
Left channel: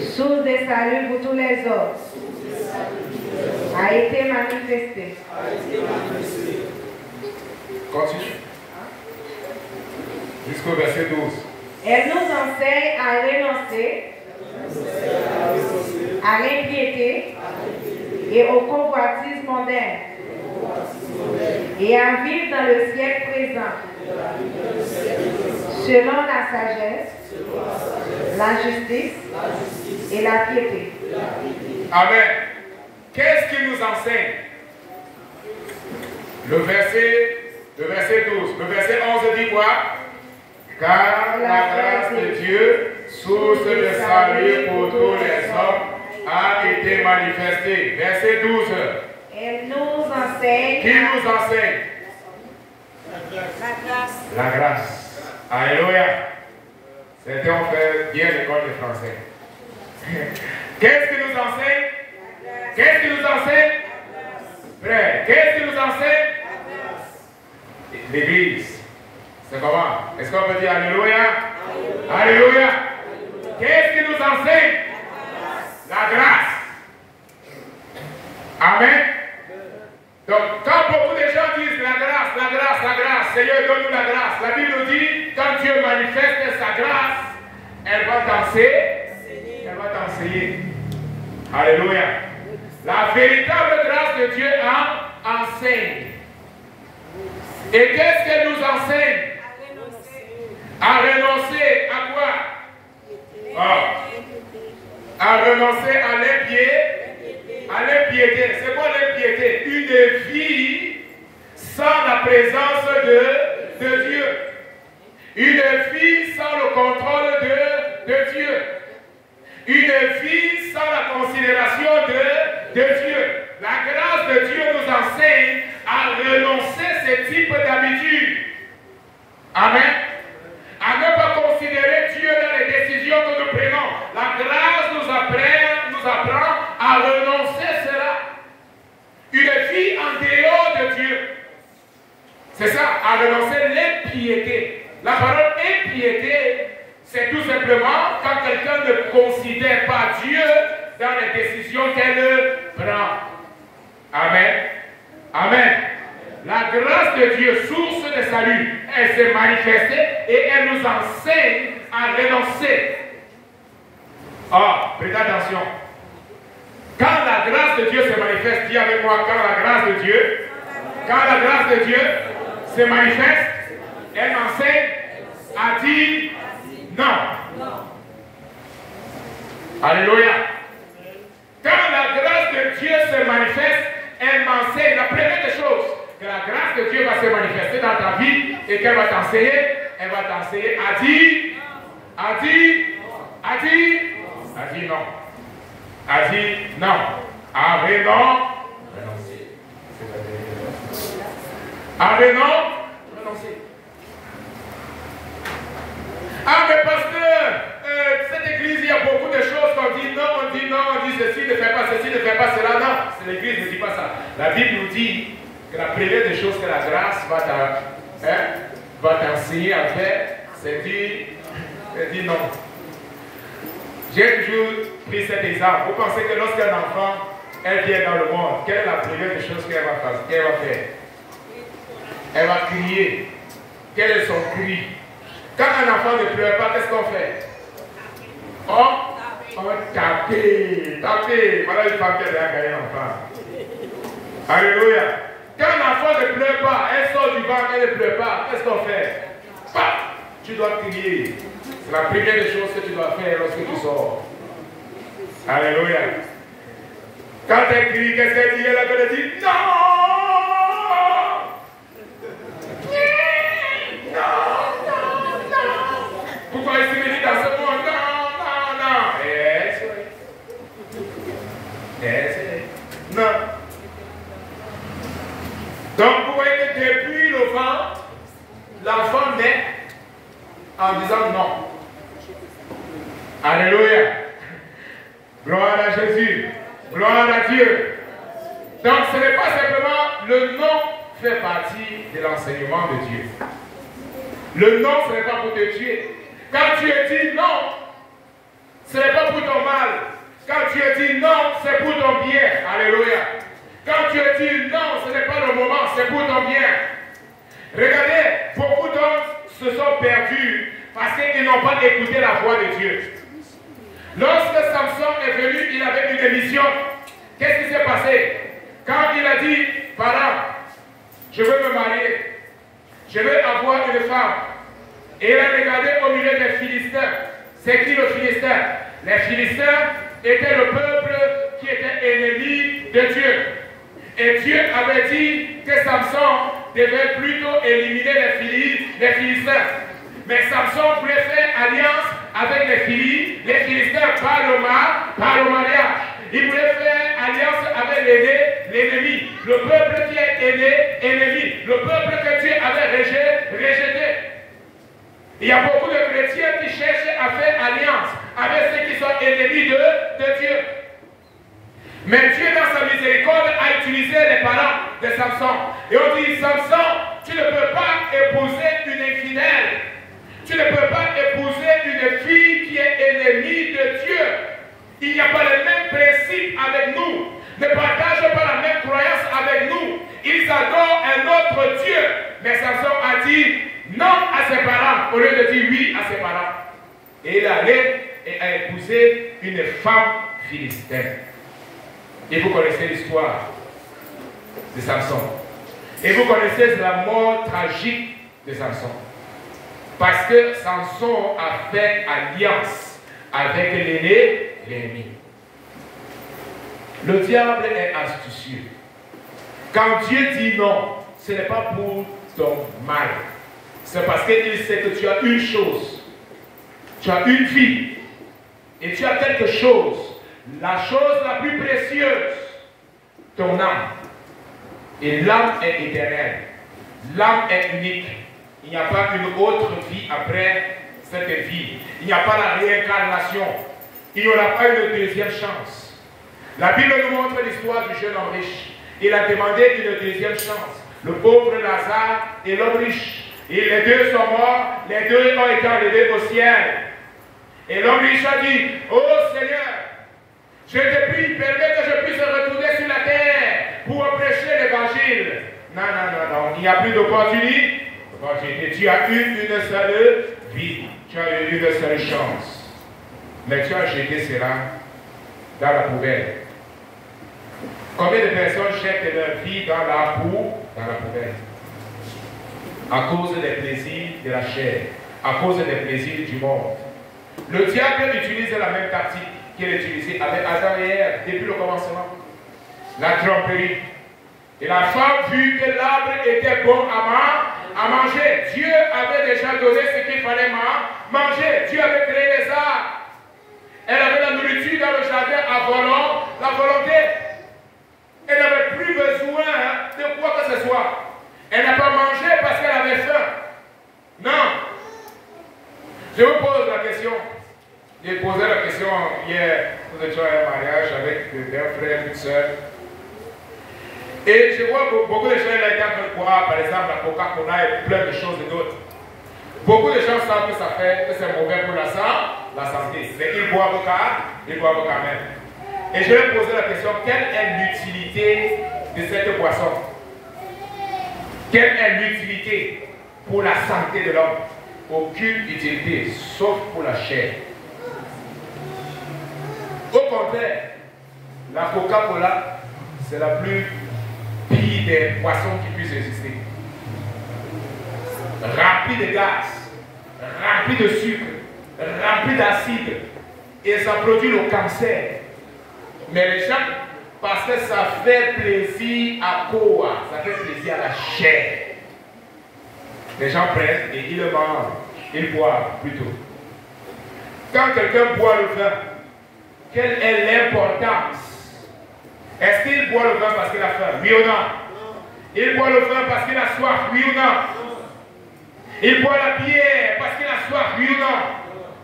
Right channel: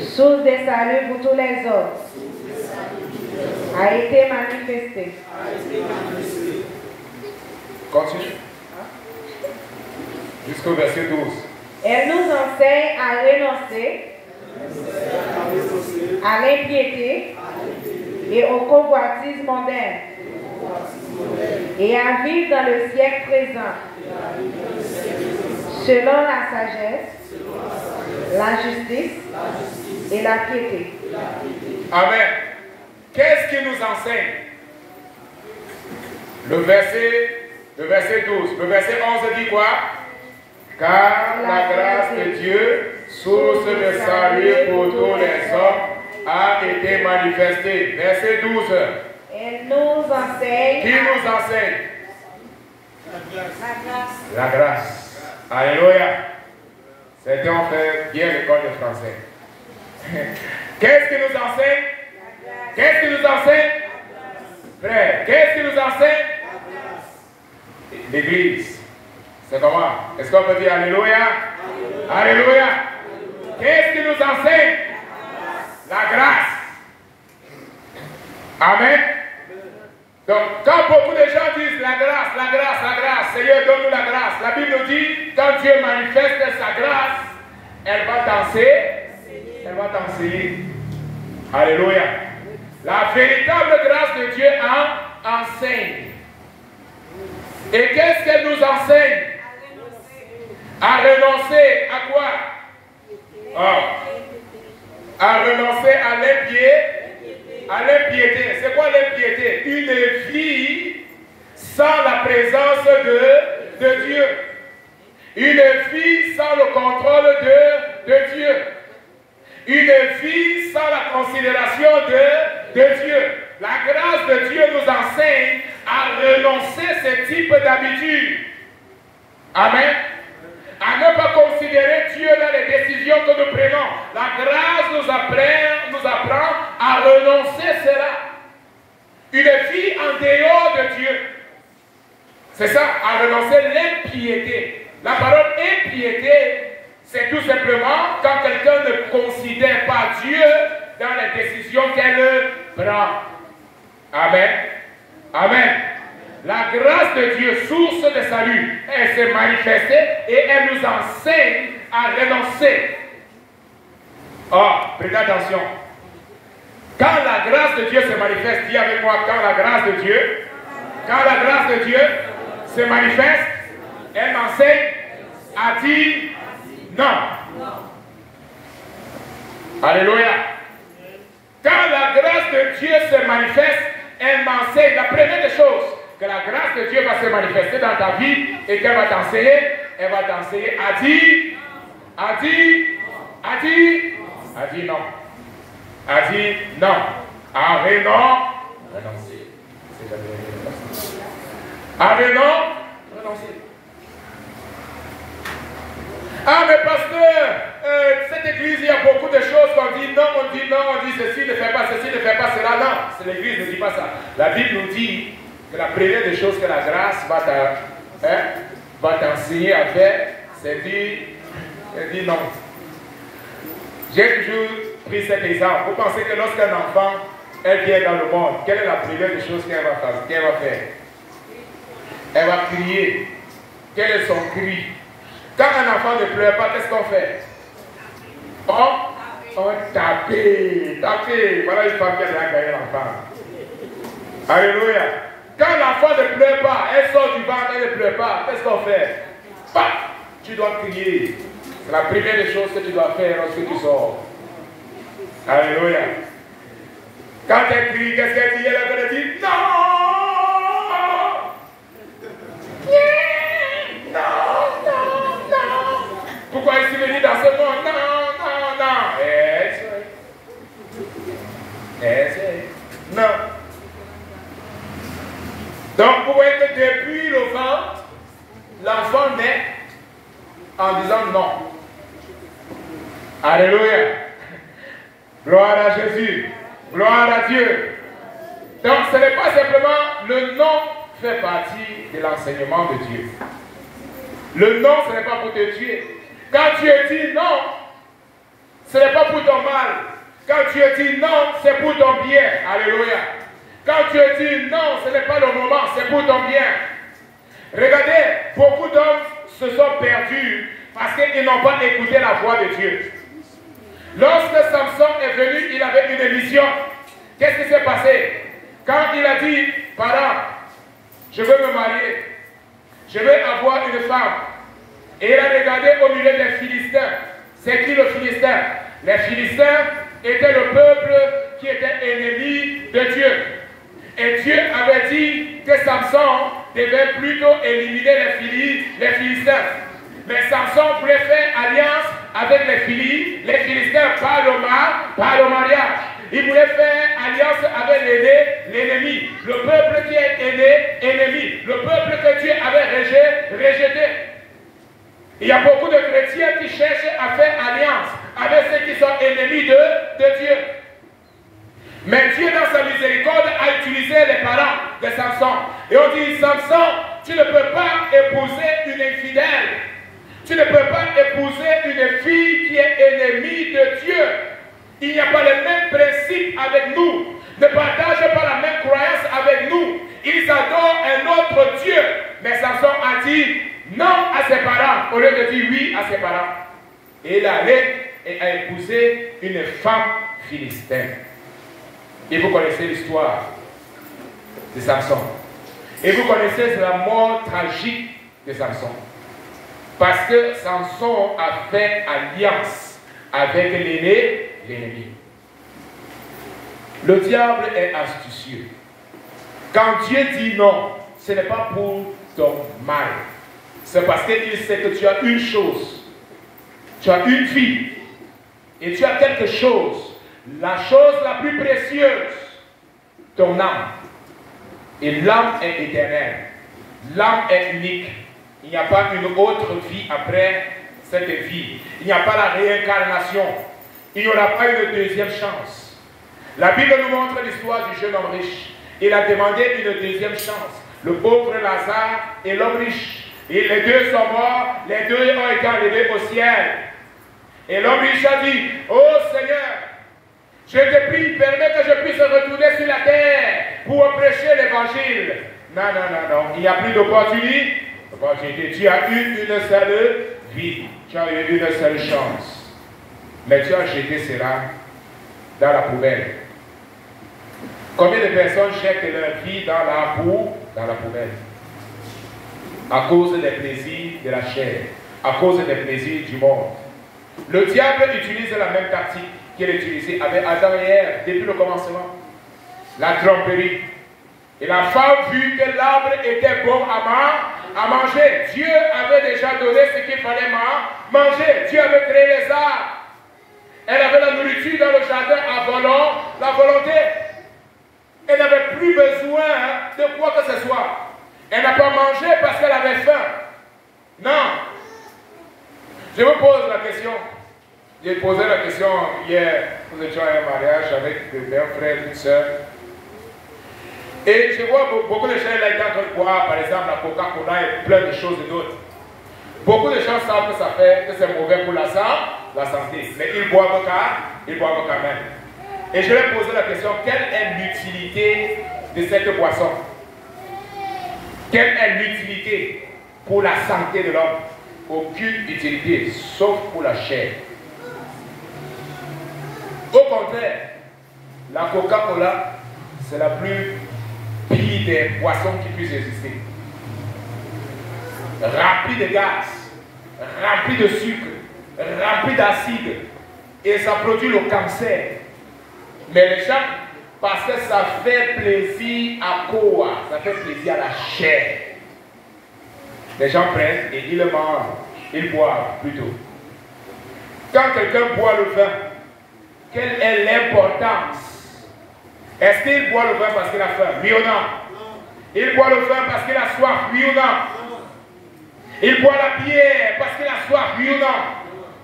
source de salut pour tous les hommes, a été manifestée. Continue. Jusqu'au verset 12. Elle nous enseigne à renoncer à l'impiété et aux convoitises mondaines et à vivre dans le siècle présent selon la sagesse, la justice et la piété. Amen. Qu'est-ce qu'il nous enseigne? Le verset 12. Le verset 11 dit quoi? Car la grâce de Dieu, source de salut pour tous les hommes, a été manifestée. Verset 12. Elle nous enseigne. Qui nous enseigne? La grâce. Alléluia. Certains ont fait bien l'école de français. Qu'est-ce qui nous enseigne? Qu'est-ce qui nous enseigne? Frère, qu'est-ce qui nous enseigne? L'Église. C'est comment? Est-ce qu'on peut dire Alléluia? Alléluia. Qu'est-ce qui nous enseigne? La grâce. Amen. Donc, quand beaucoup de gens disent la grâce, Seigneur, donne-nous la grâce. La Bible nous dit, quand Dieu manifeste sa grâce, elle va t'enseigner. Alléluia. La véritable grâce de Dieu enseigne. Et qu'est-ce qu'elle nous enseigne? À renoncer à quoi? À renoncer à l'impiété. C'est quoi l'impiété? Une vie sans la présence de Dieu. Une vie sans le contrôle de Dieu. Une vie sans la considération de Dieu. La grâce de Dieu nous enseigne à renoncer ce type d'habitude. Amen. À ne pas considérer Dieu dans les décisions que nous prenons. La grâce nous apprend à renoncer cela. Une vie en dehors de Dieu. C'est ça, à renoncer l'impiété. La parole impiété, c'est tout simplement quand quelqu'un ne considère pas Dieu dans les décisions qu'elle prend. Amen. Amen. La grâce de Dieu, source de salut, elle s'est manifestée et elle nous enseigne à renoncer. Oh, faites attention. Quand la grâce de Dieu se manifeste, dis avec moi, quand la grâce de Dieu se manifeste, elle enseigne à dire non. Alléluia. Quand la grâce de Dieu se manifeste, elle m'enseigne. La première des choses, que la grâce de Dieu va se manifester dans ta vie et qu'elle va t'enseigner, elle va t'enseigner à dire non. À dire non. Avec non. Avec non. Ah, mais pasteur, cette église, il y a beaucoup de choses qu'on dit non, on dit ceci, ne fais pas ceci, ne fais pas cela. Non, c'est l'église ne dit pas ça. La Bible nous dit que la première des choses que la grâce va t'enseigner à faire, c'est dire non. J'ai toujours pris cet exemple. Vous pensez que lorsqu'un enfant, elle vient dans le monde, quelle est la première des choses qu'elle va faire? Elle va crier. Quel est son cri? Quand un enfant ne pleure pas, qu'est-ce qu'on fait? On taper. Voilà une femme qui a déjà gagné l'enfant. Alléluia. Quand l'enfant ne pleure pas, elle sort du ventre, elle ne pleure pas, qu'est-ce qu'on fait? Tu dois crier. C'est la première des choses que tu dois faire lorsque tu sors. Alléluia. Quand elle crie, qu'est-ce qu'elle dit? Elle dit non! Pourquoi est-ce qu'il dit dans ce monde? Non. Non. Donc, vous voyez que depuis le ventre, l'enfant naît en disant non. Alléluia. Gloire à Jésus. Gloire à Dieu. Donc, ce n'est pas simplement le non fait partie de l'enseignement de Dieu. Le non, ce n'est pas pour te tuer. Quand tu dis non, ce n'est pas pour ton mal. Quand tu dis non, c'est pour ton bien. Alléluia. Quand tu dis non, ce n'est pas le moment, c'est pour ton bien. Regardez, beaucoup d'hommes se sont perdus parce qu'ils n'ont pas écouté la voix de Dieu. Lorsque Samson est venu, il avait une émission. Qu'est-ce qui s'est passé? Quand il a dit, parents, je veux me marier, je veux avoir une femme. Et il a regardé au milieu des Philistins. C'est qui le Philistin? Les Philistins étaient le peuple qui était ennemi de Dieu. Et Dieu avait dit que Samson devait plutôt éliminer les Philistins. Mais Samson voulait faire alliance avec les Philistins par le mariage. Il voulait faire alliance avec l'ennemi. Le peuple qui est ennemi. Le peuple que Dieu avait rejeté. Il y a beaucoup de chrétiens qui cherchent à faire alliance avec ceux qui sont ennemis de Dieu. Mais Dieu, dans sa miséricorde, a utilisé les parents de Samson. Et on dit, Samson, tu ne peux pas épouser une infidèle. Tu ne peux pas épouser une fille qui est ennemie de Dieu. Il n'y a pas le même principe avec nous. Ne partage pas la même croyance avec nous. Ils adorent un autre Dieu. Mais Samson a dit non à ses parents au lieu de dire oui à ses parents. Et il est allé et a épousé une femme philistine. Et vous connaissez l'histoire de Samson. Et vous connaissez la mort tragique de Samson. Parce que Samson a fait alliance avec l'ennemi. Le diable est astucieux. Quand Dieu dit non, ce n'est pas pour ton mal. C'est parce qu'il sait que tu as une chose. Tu as une vie. Et tu as quelque chose. La chose la plus précieuse. Ton âme. Et l'âme est éternelle. L'âme est unique. Il n'y a pas une autre vie après cette vie. Il n'y a pas la réincarnation. Il n'y aura pas une deuxième chance. La Bible nous montre l'histoire du jeune homme riche. Il a demandé une deuxième chance. Le pauvre Lazare et l'homme riche. Et les deux sont morts. Les deux ont été enlevés au ciel. Et l'homme riche a dit, oh Seigneur, je te prie, permets que je puisse retourner sur la terre pour prêcher l'évangile. Non. Il n'y a plus d'opportunité. Tu as eu une seule vie. Tu as eu une seule chance. Mais tu as jeté cela dans la poubelle. Combien de personnes jettent leur vie dans la boue, dans la poubelle? À cause des plaisirs de la chair, à cause des plaisirs du monde. Le diable utilise la même tactique qu'il a utilisée avec Adam et Ève depuis le commencement. La tromperie. Et la femme vit que l'arbre était bon à manger. Dieu avait déjà donné ce qu'il fallait manger. Dieu avait créé les arbres. Elle avait la nourriture dans le jardin à la volonté. Elle n'avait plus besoin de quoi que ce soit. Elle n'a pas mangé parce qu'elle avait faim. Non. Je vous pose la question. J'ai posé la question hier. Nous étions à un mariage avec un frère, une soeur. Et je vois beaucoup de gens là qui boire, par exemple, la Coca-Cola et plein de choses d'autres. Beaucoup de gens savent que c'est mauvais pour la santé. Mais ils boivent quand même. Et je vais poser la question, quelle est l'utilité de cette boisson? Quelle est l'utilité pour la santé de l'homme? Aucune utilité, sauf pour la chair. Au contraire, la Coca-Cola, c'est la plus pire des boissons qui puissent exister. Remplie de gaz, remplie de sucre, remplie d'acide, et ça produit le cancer. Mais les gens, parce que ça fait plaisir à quoi? Ça fait plaisir à la chair. Les gens prennent et ils le mangent, ils boivent plutôt. Quand quelqu'un boit le vin, quelle est l'importance? Est-ce qu'il boit le vin parce qu'il a faim? Oui ou non? Il boit le vin parce qu'il a soif? Oui ou non? Il boit la bière parce qu'il a soif? Oui ou non?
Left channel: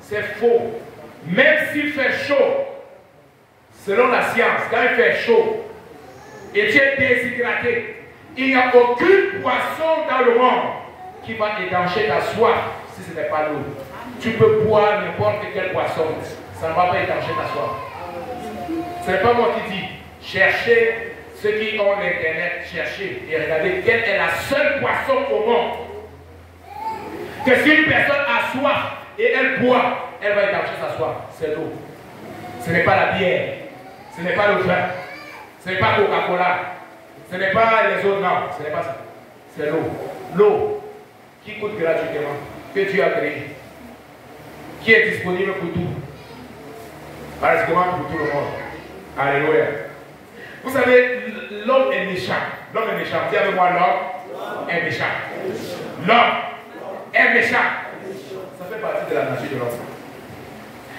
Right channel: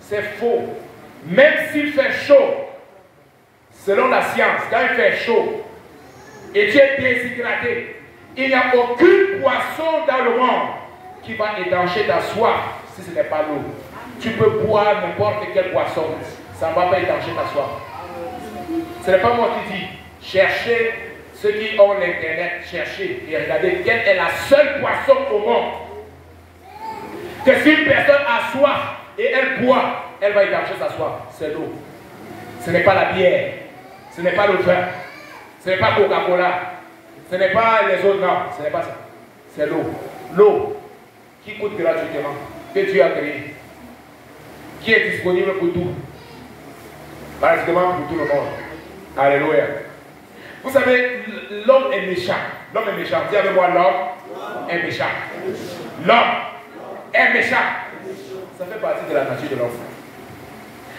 C'est faux. Même s'il fait chaud, selon la science, quand il fait chaud et tu es déshydraté, il n'y a aucune boisson dans le monde qui va étancher ta soif si ce n'est pas l'eau. Tu peux boire n'importe quelle boisson, ça ne va pas étancher ta soif. Ce n'est pas moi qui dis. Cherchez ceux qui ont l'internet, cherchez et regardez quelle est la seule boisson au monde que si une personne a soif et elle boit, elle va étancher sa soif. C'est l'eau. Ce n'est pas la bière. Ce n'est pas le vin. Ce n'est pas Coca-Cola. Ce n'est pas les autres, non. Ce n'est pas ça. C'est l'eau. L'eau qui coûte gratuitement, que Dieu a créé, qui est disponible pour tout. Pratiquement pour tout le monde. Alléluia. Vous savez, l'homme est méchant. L'homme est méchant. Dis avec moi, l'homme est méchant. L'homme est méchant. Ça fait partie de la nature de l'homme.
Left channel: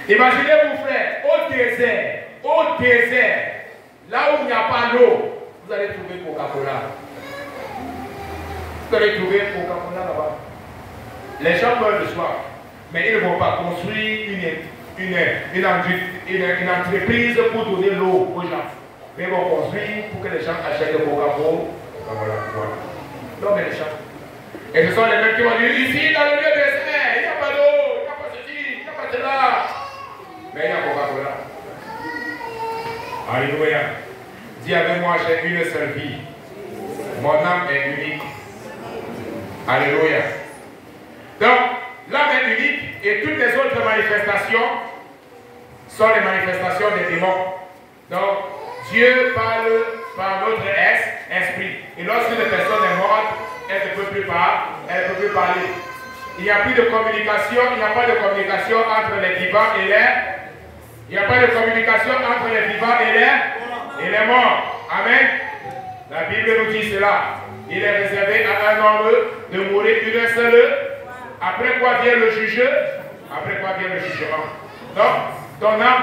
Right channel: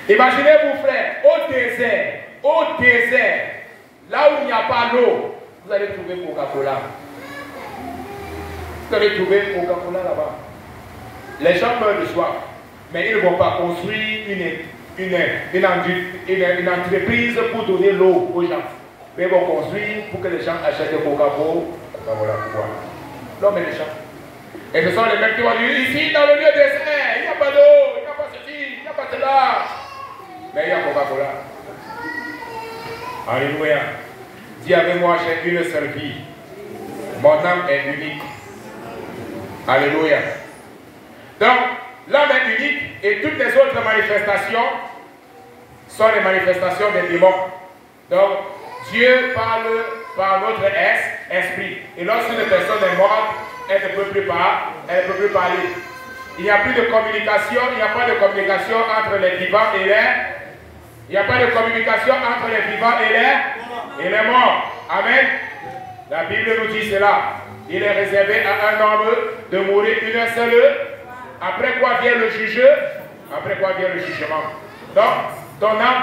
Imaginez-vous, frère, au désert, là où il n'y a pas d'eau, vous allez trouver Coca-Cola. Vous allez trouver Coca-Cola là-bas. Les gens meurent de soif, mais ils ne vont pas construire une entreprise pour donner l'eau aux gens. Mais ils vont construire pour que les gens achètent des Coca-Cola. L'homme est méchant. Et ce sont les mêmes qui vont dire, ici dans le lieu désert, il n'y a pas d'eau, il n'y a pas ceci, il n'y a pas cela. Mais il y a Coca-Cola. Alléluia. Dis avec moi, j'ai une seule vie. Mon âme est unique. Alléluia. Donc, l'homme est unique et toutes les autres manifestations sont les manifestations des démons. Donc, Dieu parle par notre esprit. Et lorsqu'une personne est morte, elle ne peut plus parler. Il n'y a plus de communication, il n'y a pas de communication entre les vivants et les... Il n'y a pas de communication entre les vivants et les morts. Amen. La Bible nous dit cela. Il est réservé à un homme de mourir une seule. Après quoi vient le jugement. Après quoi vient le jugement. Donc, ton âme,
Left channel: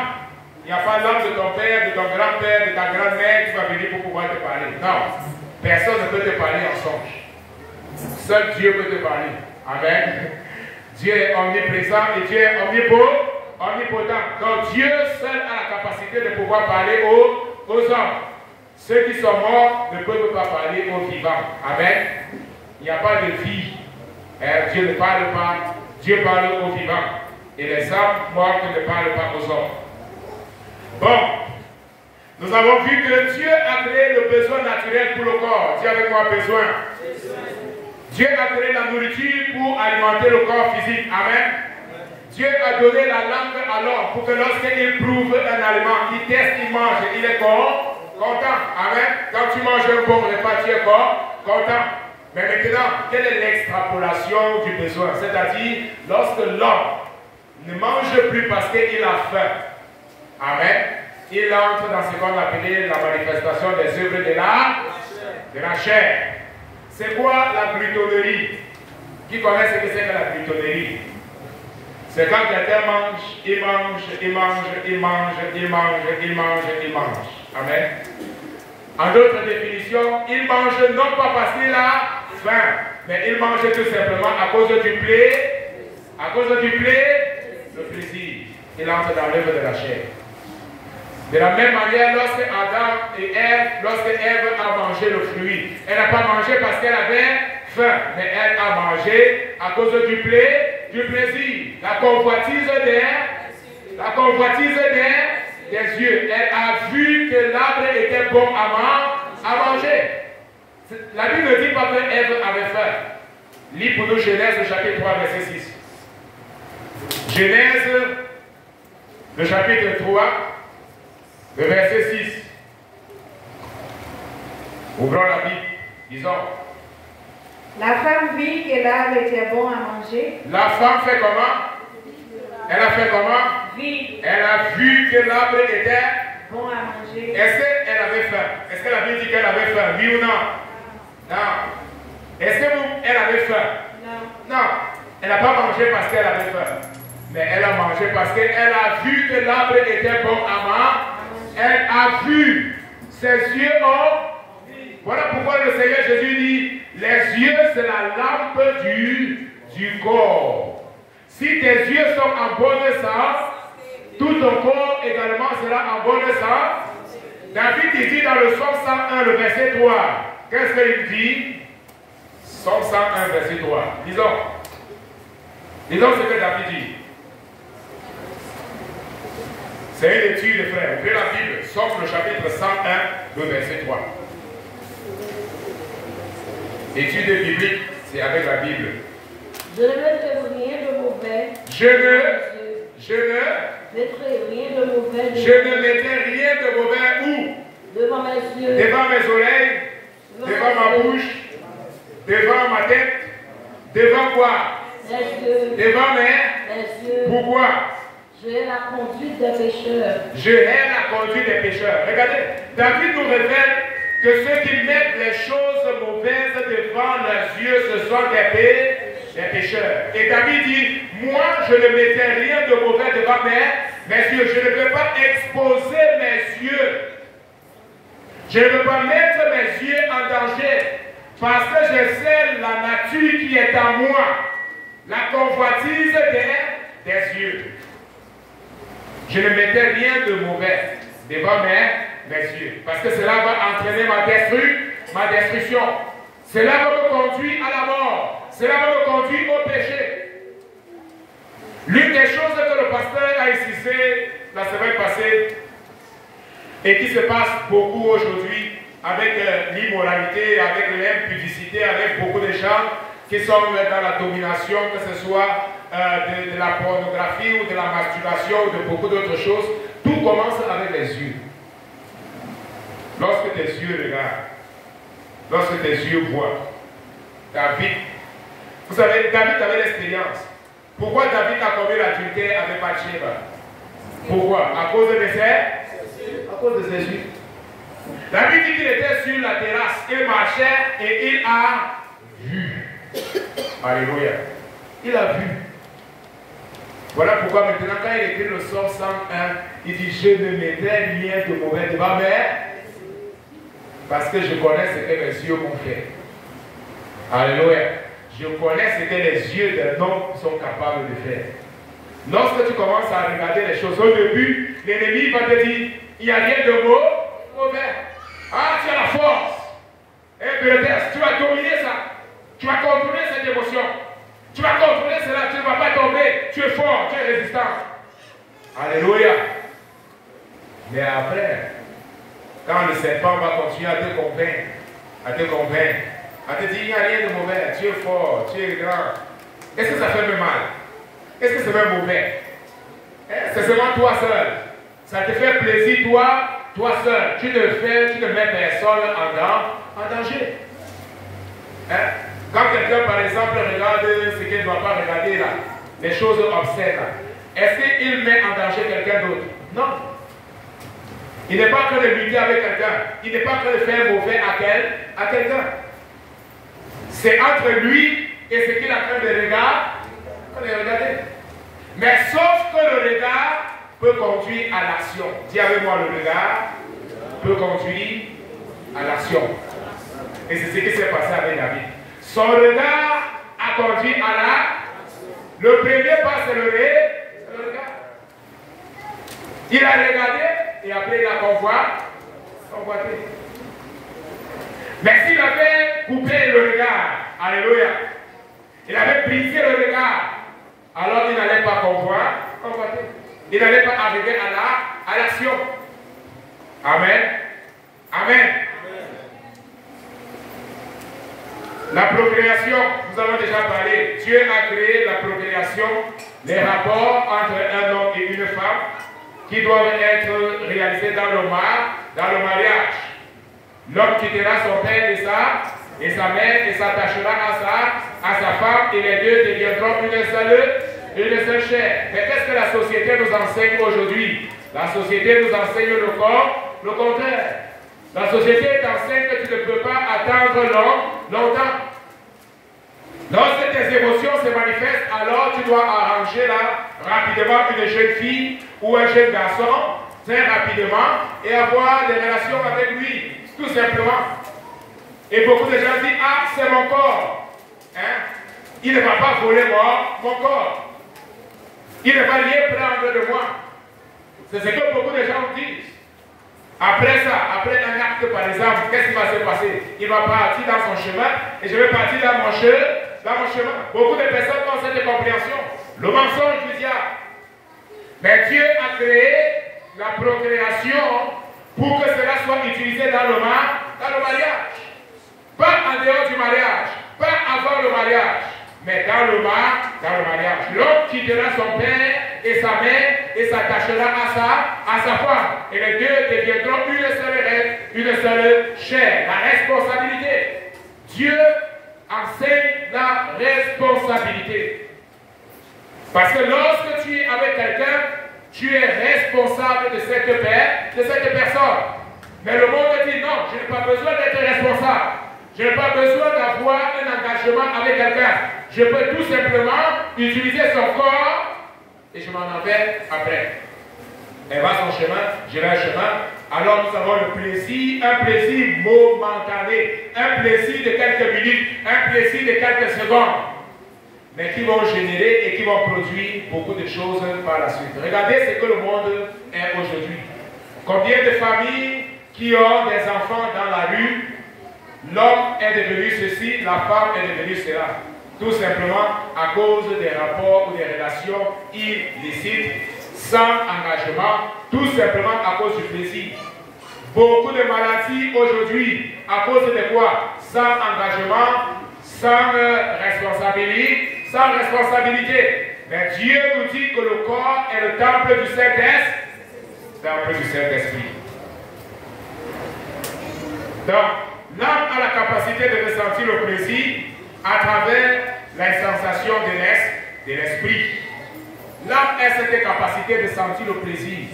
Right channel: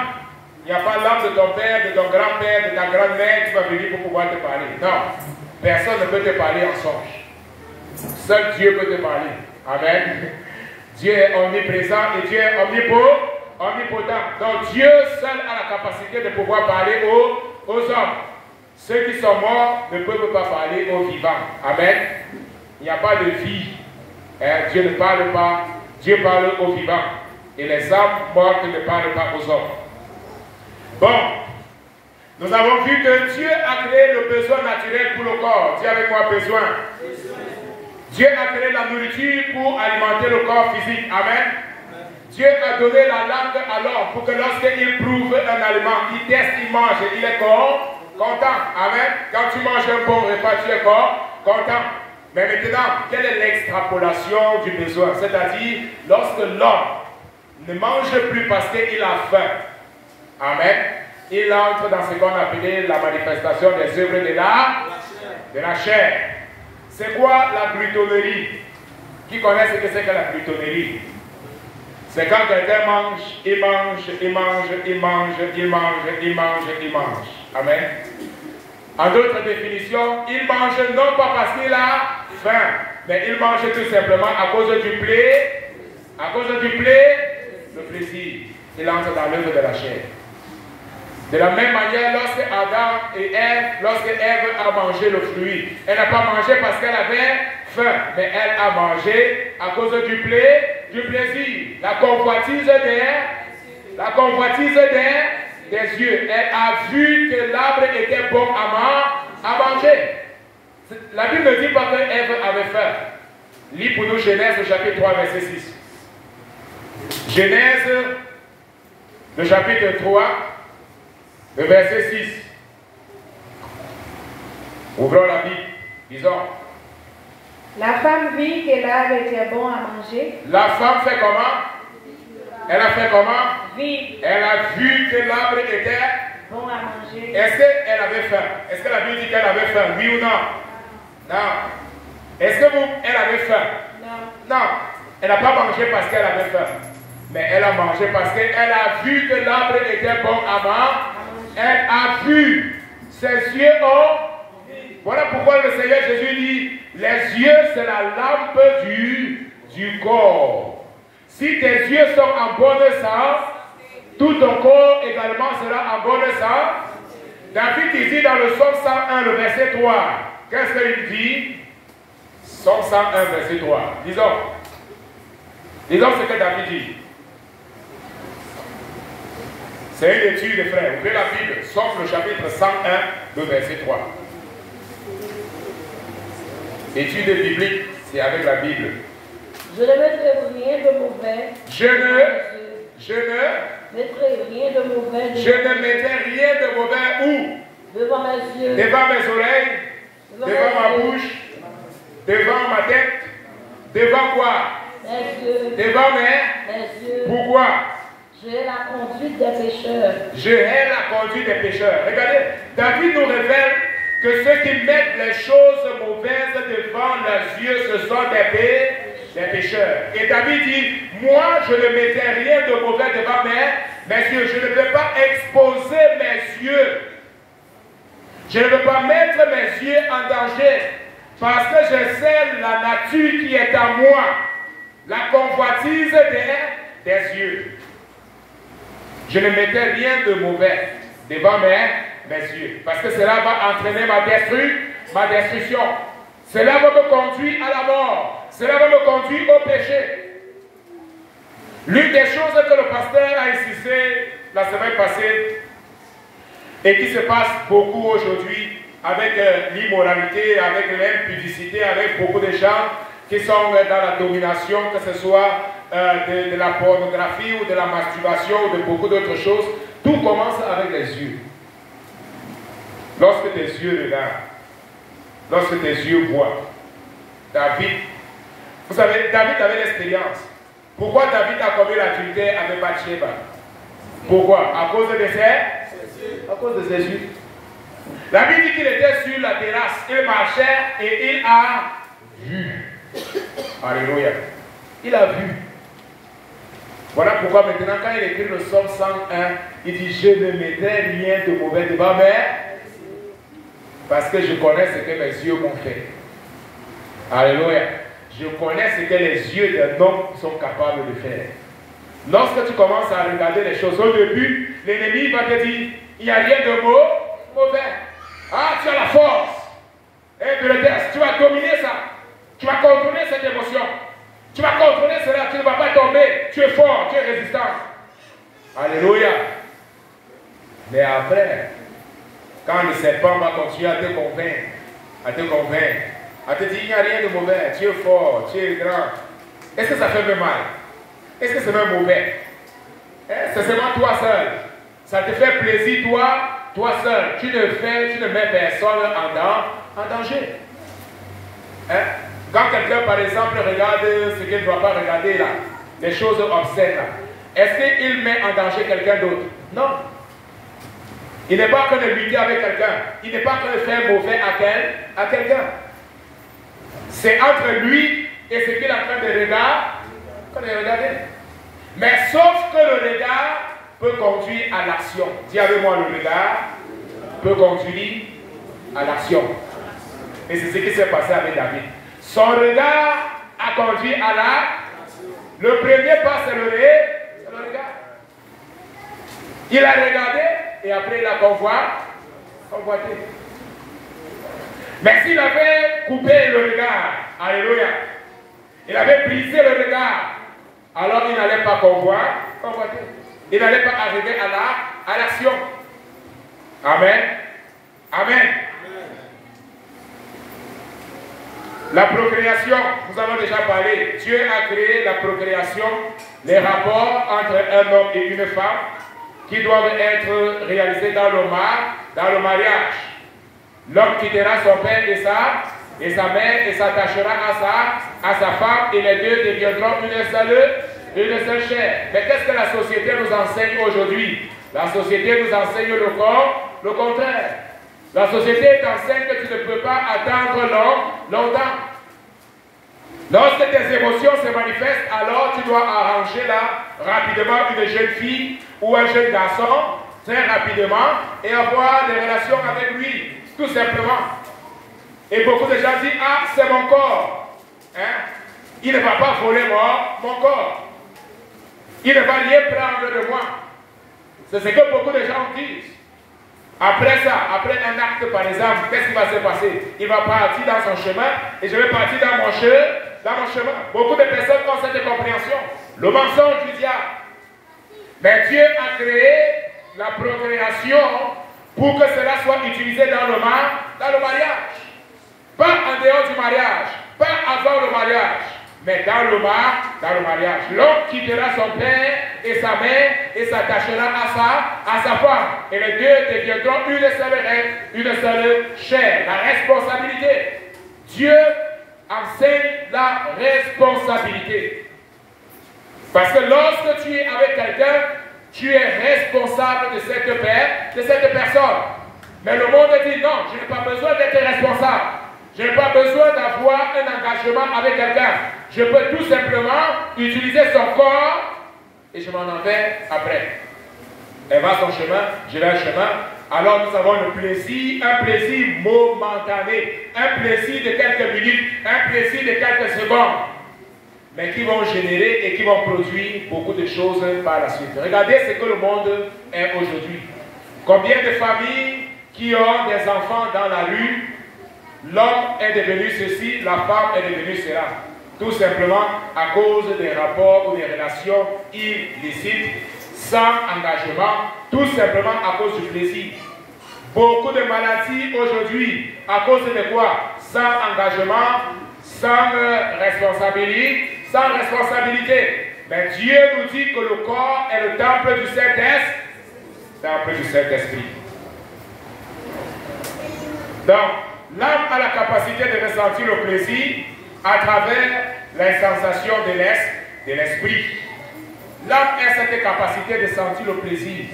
il n'y a pas l'âme de ton père, de ton grand-père, de ta grand-mère qui va venir pour pouvoir te parler. Non. Personne ne peut te parler en songe. Seul Dieu peut te parler. Amen. Dieu est omniprésent et Dieu est omnipotent. Donc Dieu seul a la capacité de pouvoir parler aux hommes. Ceux qui sont morts ne peuvent pas parler aux vivants. Amen. Il n'y a pas de vie. Dieu ne parle pas. Dieu parle aux vivants. Et les âmes mortes ne parlent pas aux hommes. Bon. Nous avons vu que Dieu a créé le besoin naturel pour le corps. Dis avec moi besoin. Dieu a créé la nourriture pour alimenter le corps physique. Amen. Dieu a donné la langue à l'homme pour que lorsqu'il prouve un aliment, il teste, il mange, il est Content. Amen. Quand tu manges un bon repas, tu es content. Mais maintenant, quelle est l'extrapolation du besoin? C'est-à-dire, lorsque l'homme ne mange plus parce qu'il a faim, amen, il entre dans ce qu'on appelait la manifestation des œuvres de la chair. C'est quoi la glutonnerie? Qui connaît ce que c'est que la glutonnerie? C'est quand quelqu'un mange, il mange, il mange, il mange, il mange, il mange, il mange. Amen. En d'autres définitions, il mange non pas parce qu'il a faim, mais il mange tout simplement à cause du le plaisir. Il entre dans l'œuvre de la chair. De la même manière, lorsque Adam et Ève, lorsque Ève a mangé le fruit, elle n'a pas mangé parce qu'elle avait faim, mais elle a mangé à cause du plaisir. La convoitise des yeux. Elle a vu que l'arbre était bon à manger. La Bible ne dit pas que Ève avait faim. Lis pour nous Genèse, le chapitre 3, verset 6. Genèse, le chapitre 3, le verset 6. Ouvrons la Bible. Disons. La femme vit que l'arbre était bon à manger. La femme fait comment? Elle a fait comment? Vit. Elle a vu que l'arbre était bon à manger. Est-ce qu'elle avait faim? Est-ce que la Bible dit qu'elle avait faim? Oui ou non? Non. Est-ce que elle avait faim? Non. Non. Elle n'a pas mangé parce qu'elle avait faim. Mais elle a mangé parce qu'elle a vu que l'arbre était bon à manger. Elle a vu. Ses yeux ont. Voilà pourquoi le Seigneur Jésus dit, les yeux c'est la lampe du corps. Si tes yeux sont en bonne santé, tout ton corps également sera en bonne santé. David il dit dans le Psaume 101, le verset 3, qu'est-ce qu'il dit? Psaume 101, verset 3. Disons ce que David dit. C'est une étude, frère. Ouvrez la Bible, Psaume le chapitre 101, le verset 3. Étude biblique, c'est avec la Bible. Je ne mettrai rien de mauvais. Je ne mettrai rien de mauvais où? Devant mes yeux. Devant mes oreilles, devant ma bouche, devant ma tête, devant quoi? Mes yeux. Devant mes yeux. Pourquoi? Je hais la conduite des pécheurs. Je hais la conduite des pécheurs. Regardez, David nous révèle que ceux qui mettent les choses mauvaises devant leurs yeux, ce sont des pécheurs. Et David dit, moi je ne mettrai rien de mauvais devant mes yeux. Je ne veux pas exposer mes yeux. Je ne veux pas mettre mes yeux en danger. Parce que je sais la nature qui est en moi. La convoitise des yeux. Je ne mettrai rien de mauvais devant mes yeux. Parce que cela va entraîner ma destruction. Cela va me conduire à la mort. Cela va me conduire au péché. L'une des choses que le pasteur a insisté la semaine passée et qui se passe beaucoup aujourd'hui avec l'immoralité, avec l'impudicité, avec beaucoup de gens qui sont dans la domination, que ce soit de la pornographie ou de la masturbation ou de beaucoup d'autres choses, tout commence avec les yeux. Lorsque tes yeux regardent, lorsque tes yeux voient, David, vous savez, David avait l'expérience. Pourquoi David a commis l'adultère avec Bathsheba? Pourquoi? À cause de ses yeux. À cause de ses yeux. La Bible dit qu'il était sur la terrasse, il marchait et il a vu. Alléluia. Il a vu. Voilà pourquoi maintenant quand il écrit le Psaume 101, il dit je ne mettrai rien de mauvais devant parce que je connais ce que mes yeux m'ont fait. Alléluia. Je connais ce que les yeux d'un homme sont capables de faire. Lorsque tu commences à regarder les choses au début, l'ennemi va te dire il n'y a rien de mauvais. Ah, tu as la force. Et tu le testes, tu vas dominer ça. Tu vas contrôler cette émotion. Tu vas contrôler cela, tu ne vas pas tomber. Tu es fort, tu es résistant. Alléluia. Mais après, quand le serpent va continuer à te convaincre, à te dire il n'y a rien de mauvais, tu es fort, tu es grand. Est-ce que ça fait même mal? Est-ce que c'est même mauvais? C'est seulement toi seul. Ça te fait plaisir, toi toi seul, tu ne mets personne en danger. Hein? Quand quelqu'un, par exemple, regarde ce qu'il ne doit pas regarder là, les choses obscènes là, est-ce qu'il met en danger quelqu'un d'autre? Non. Il n'est pas en train de lutter avec quelqu'un. Il n'est pas en train de faire mauvais à quelqu'un. C'est entre lui et ce qu'il est en train de regarder. Mais sauf que le regard peut conduire à l'action. Dis avec moi, le regard peut conduire à l'action. Et c'est ce qui s'est passé avec David. Son regard a conduit à la... Le premier pas, c'est le regard. Il a regardé et après il a convoité. Mais s'il avait coupé le regard, alléluia, il avait brisé le regard, alors il n'allait pas convoiter. Il n'allait pas arriver à l'action. Amen. Amen. La procréation, nous avons déjà parlé. Dieu a créé la procréation, les rapports entre un homme et une femme qui doivent être réalisés dans le mariage. L'homme quittera son père et sa mère et s'attachera à sa femme et les deux deviendront une seule chair. Mais qu'est-ce que la société nous enseigne aujourd'hui? La société nous enseigne le contraire. La société t'enseigne que tu ne peux pas attendre longtemps. Lorsque tes émotions se manifestent, alors tu dois arranger là rapidement une jeune fille ou un jeune garçon, très rapidement, et avoir des relations avec lui, tout simplement. Et beaucoup de gens disent, ah, c'est mon corps. Hein? Il ne va pas voler mon corps. Il ne va rien prendre de moi. C'est ce que beaucoup de gens disent. Après ça, après un acte par exemple, qu'est-ce qui va se passer? Il va partir dans son chemin et je vais partir dans mon chemin. Beaucoup de personnes ont cette compréhension. Le mensonge du diable. Mais Dieu a créé la procréation pour que cela soit utilisé dans le mariage. Pas en dehors du mariage, pas avant le mariage, mais dans le mariage. L'homme quittera son père et sa mère et s'attachera à sa femme. Et les deux deviendront une seule chair. La responsabilité. Dieu enseigne la responsabilité. Parce que lorsque tu es avec quelqu'un, tu es responsable de cette personne. Mais le monde dit non, je n'ai pas besoin d'être responsable. Je n'ai pas besoin d'avoir un engagement avec quelqu'un. Je peux tout simplement utiliser son corps et je m'en en vais après. Elle va son chemin, je vais un chemin. Alors nous avons le plaisir, un plaisir momentané, un plaisir de quelques minutes, un plaisir de quelques secondes, mais qui vont générer et qui vont produire beaucoup de choses par la suite. Regardez ce que le monde est aujourd'hui. Combien de familles qui ont des enfants dans la rue, l'homme est devenu ceci, la femme est devenue cela. Tout simplement à cause des rapports ou des relations illicites, sans engagement, tout simplement à cause du plaisir. Beaucoup de maladies aujourd'hui, à cause de quoi? Sans engagement, sans responsabilité. Mais Dieu nous dit que le corps est le temple du Saint-Esprit. Donc, l'âme a la capacité de ressentir le plaisir à travers les sensations de l'esprit. L'âme a cette capacité de sentir le plaisir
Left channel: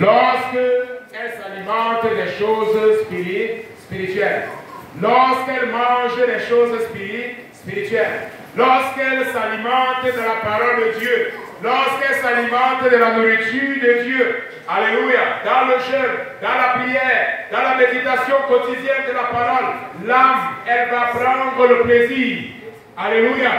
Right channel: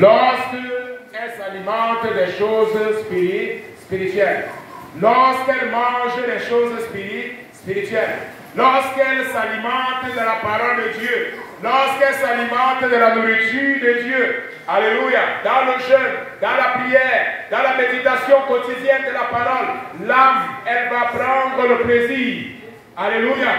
lorsqu'elle s'alimente des choses spirituelles, lorsqu'elle mange des choses spirituelles, lorsqu'elle s'alimente de la parole de Dieu, lorsqu'elle s'alimente de la nourriture de Dieu. Alléluia. Dans le jeûne, dans la prière, dans la méditation quotidienne de la parole, l'âme, elle va prendre le plaisir. Alléluia.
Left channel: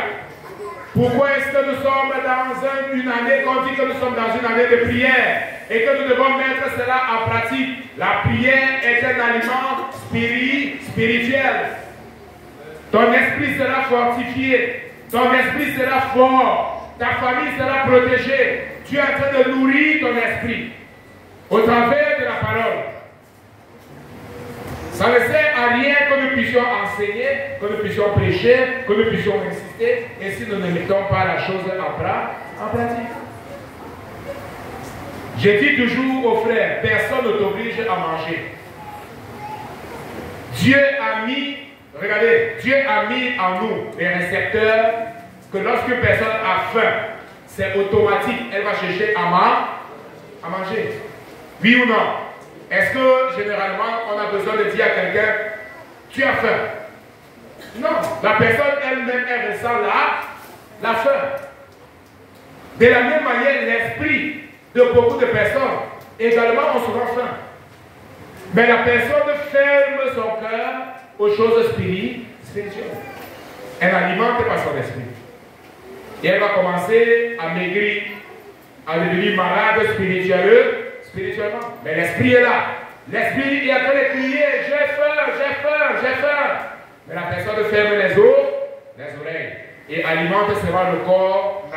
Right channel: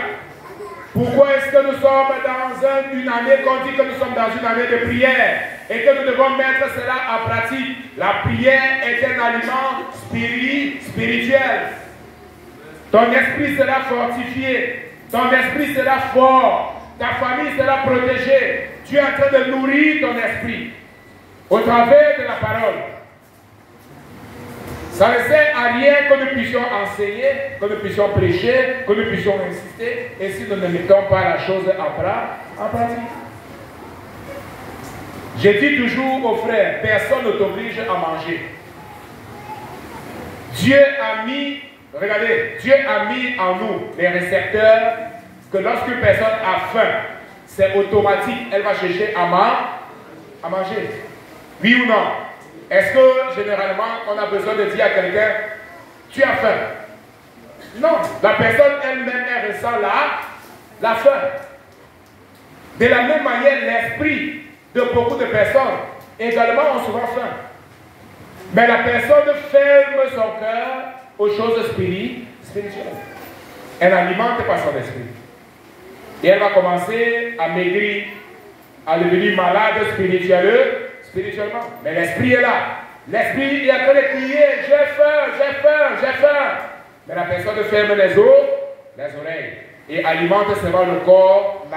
Pourquoi est-ce que nous sommes dans une année, qu'on dit que nous sommes dans une année de prière et que nous devons mettre cela en pratique? La prière est un aliment spirituel. Ton esprit sera fortifié, ton esprit sera fort, ta famille sera protégée. Tu es en train de nourrir ton esprit au travers de la parole. Ça ne sert à rien que nous puissions enseigner, que nous puissions prêcher, que nous puissions insister, et si nous ne mettons pas la chose en pratique. Je dis toujours aux frères, personne ne t'oblige à manger. Dieu a mis, regardez, Dieu a mis en nous des récepteurs que lorsqu'une personne a faim, c'est automatique, elle va chercher à manger. Oui ou non? Est-ce que généralement on a besoin de dire à quelqu'un, tu as faim? Non, la personne elle-même, elle ressent la faim. De la même manière, l'esprit de beaucoup de personnes également ont souvent faim. Mais la personne ferme son cœur aux choses spirituelles. Elle n'alimente pas son esprit. Et elle va commencer à maigrir, à devenir malade spirituellement. Mais l'esprit est là. L'esprit, il est en train de crier, j'ai faim. Mais la personne ferme les oreilles et alimente seulement le corps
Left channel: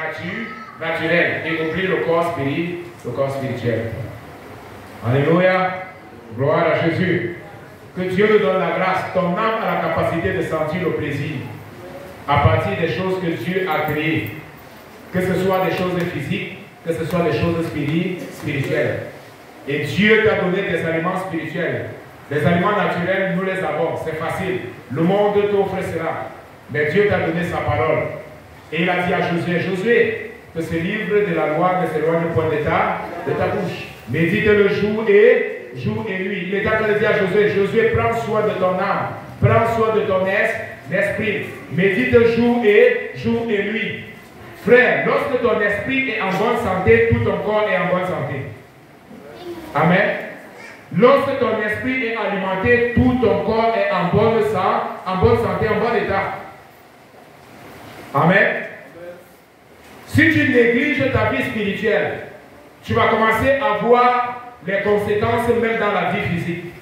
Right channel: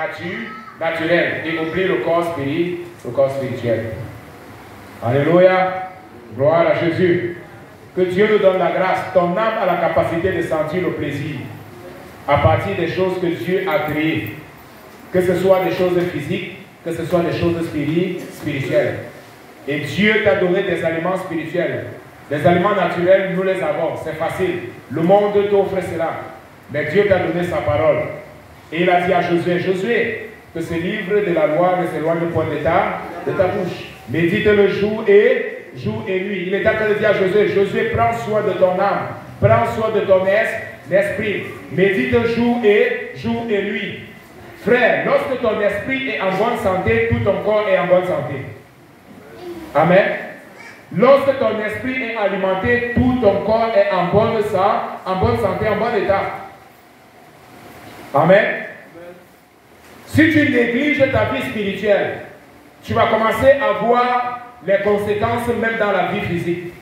naturel et oublie le corps spirituel. Alléluia. Gloire à Jésus. Que Dieu nous donne la grâce. Ton âme a la capacité de sentir le plaisir à partir des choses que Dieu a créées. Que ce soit des choses physiques, que ce soit des choses spirituelles. Et Dieu t'a donné des aliments spirituels. Les aliments naturels, nous les avons. C'est facile. Le monde t'offre cela. Mais Dieu t'a donné sa parole. Et il a dit à Josué, que ce livre de la loi ne s'éloigne point de ta bouche. Médite le jour et nuit. Il est en train de dire à Josué, prends soin de ton âme, prends soin de ton esprit. Médite jour et nuit. Frère, lorsque ton esprit est en bonne santé, tout ton corps est en bonne santé. Amen. Lorsque ton esprit est alimenté, tout ton corps est en bonne santé, en bon état. Amen. Si tu négliges ta vie spirituelle, tu vas commencer à voir les conséquences même dans la vie physique.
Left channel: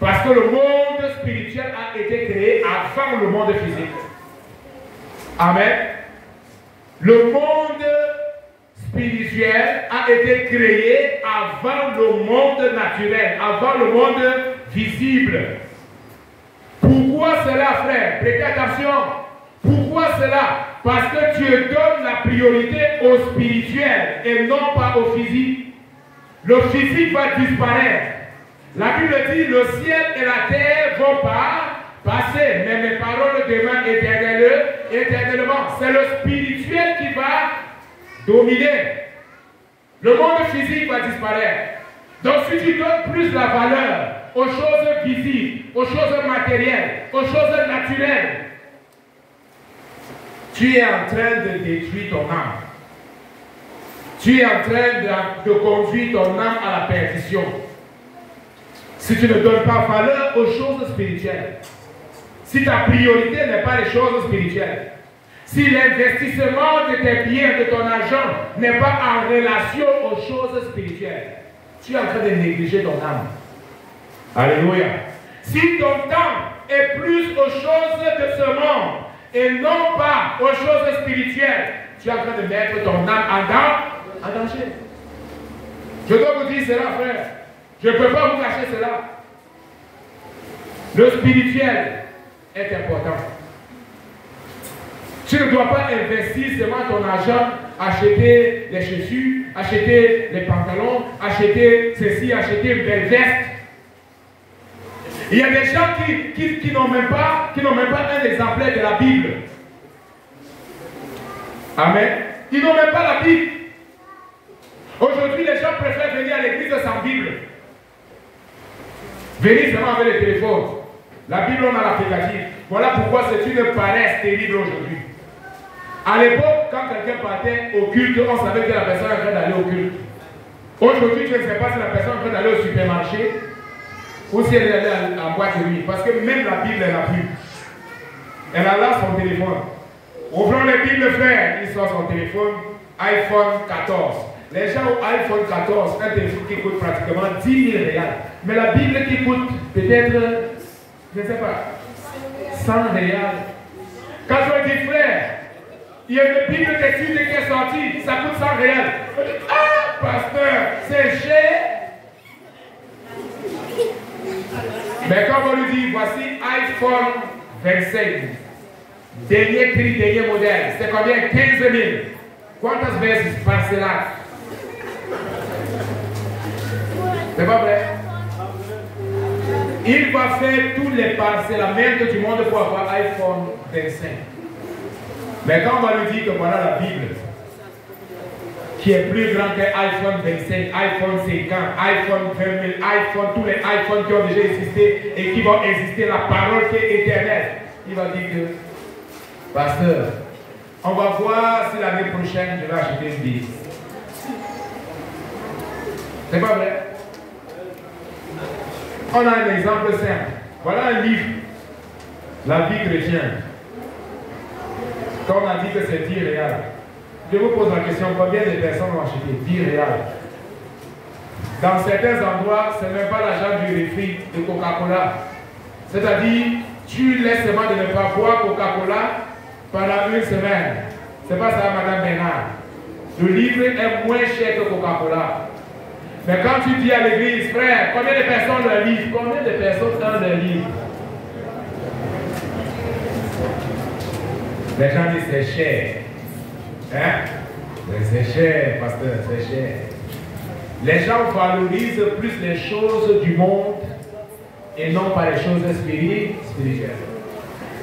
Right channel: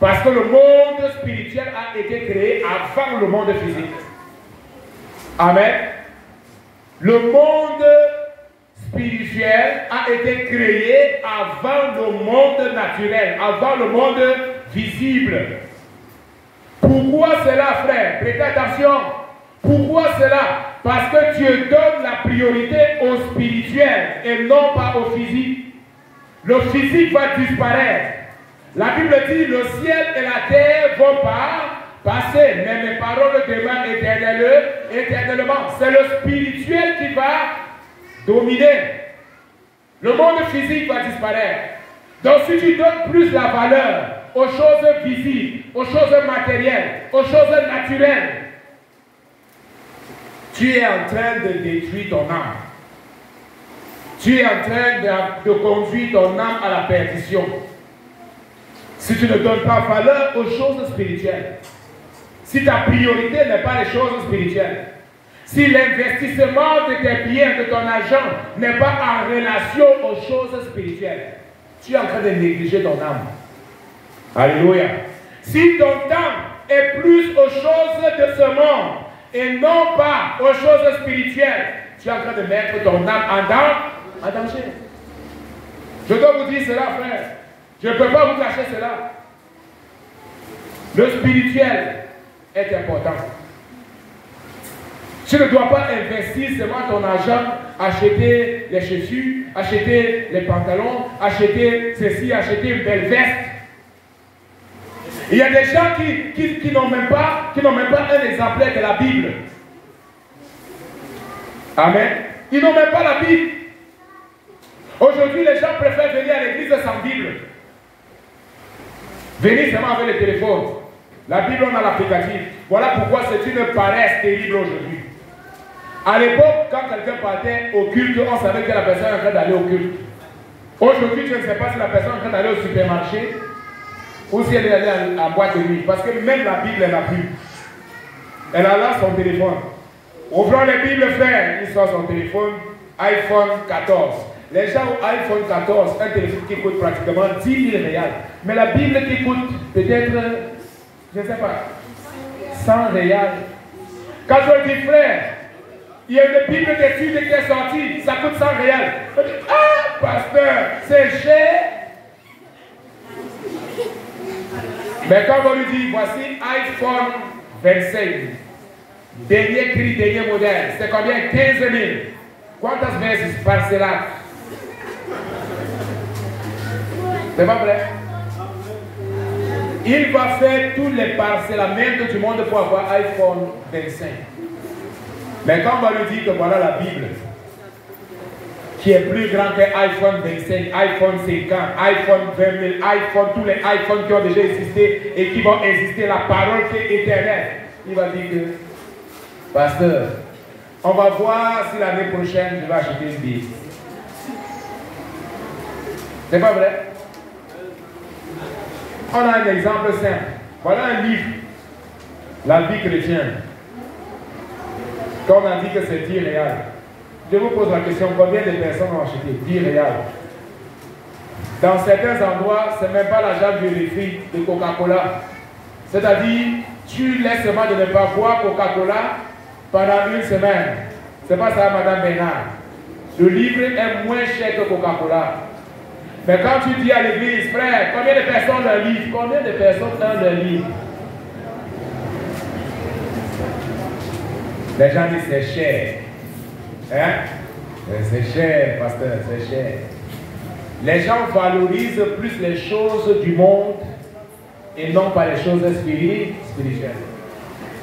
Parce que le monde spirituel a été créé avant le monde physique. Amen. Le monde spirituel a été créé avant le monde naturel, avant le monde visible. Pourquoi cela, frère? Prêtez attention. Pourquoi cela? Parce que Dieu donne la priorité au spirituel et non pas au physique. Le physique va disparaître. La Bible dit, le ciel et la terre vont passer, mais mes paroles demeurent éternellement. C'est le spirituel qui va dominer. Le monde physique va disparaître. Donc si tu donnes plus la valeur aux choses visibles, aux choses matérielles, aux choses naturelles, tu es en train de détruire ton âme. Tu es en train de conduire ton âme à la perdition. Si tu ne donnes pas valeur aux choses spirituelles, si ta priorité n'est pas les choses spirituelles, si l'investissement de tes biens, de ton argent n'est pas en relation aux choses spirituelles, tu es en train de négliger ton âme. Alléluia. Si ton temps est plus aux choses de ce monde et non pas aux choses spirituelles, tu es en train de mettre ton âme en danger. Je dois vous dire cela, frère. Je ne peux pas vous cacher cela. Le spirituel est important. Tu ne dois pas investir seulement ton argent, acheter les chaussures, acheter les pantalons, acheter ceci, acheter une belle veste. Il y a des gens qui n'ont même pas un exemplaire de la Bible. Amen. Ils n'ont même pas la Bible. Aujourd'hui, les gens préfèrent venir à l'église sans Bible. Venez seulement avec le téléphone. La Bible, on a l'applicatif. Voilà pourquoi c'est une paresse terrible aujourd'hui. À l'époque, quand quelqu'un partait au culte, on savait que la personne est en train d'aller au culte. Aujourd'hui, je ne sais pas si la personne est en train d'aller au supermarché ou si elle est allée à la boîte de nuit. Parce que même la Bible, elle n'a plus. Elle a là son téléphone. Ouvrons les Bibles, frère. Il sort son téléphone, iPhone 14. Les gens ont iPhone 14, un téléphone qui coûte pratiquement 10 000 réals. Mais la Bible qui coûte peut-être, je ne sais pas, 100 réals. Quand je dis frère, il y a une Bible d'études qui est sortie, ça coûte 100 réals. Je dis, ah, pasteur, c'est cher. Mais quand on lui dit, voici iPhone 25, dernier cri, dernier modèle, c'est combien? 15 000. Quantas vezes parcelado? C'est pas vrai? Il va faire tous les parcellaments du monde pour avoir iPhone 25. Mais quand on va lui dire que voilà la Bible, qui est plus grand que iPhone 25, iPhone 50, iPhone 20 000, iPhone, tous les iPhones qui ont déjà existé et qui vont exister, la parole qui est éternelle, il va dire que, pasteur, on va voir si l'année prochaine je vais acheter une Bible. C'est pas vrai? On a un exemple simple. Voilà un livre, La vie chrétienne. Comme on a dit que c'est irréel. Je vous pose la question, combien de personnes ont acheté? Irréel. Dans certains endroits, ce n'est même pas l'argent du refri de Coca-Cola. C'est-à-dire, tu laisses seulement de ne pas boire Coca-Cola pendant une semaine. C'est pas ça, Madame Bernard. Le livre est moins cher que Coca-Cola. Mais quand tu dis à l'église, frère, combien de personnes ont le livre? Combien de personnes ont le livre? Les gens disent c'est cher. Hein? C'est cher, pasteur, c'est cher. Les gens valorisent plus les choses du monde et non pas les choses spirituelles.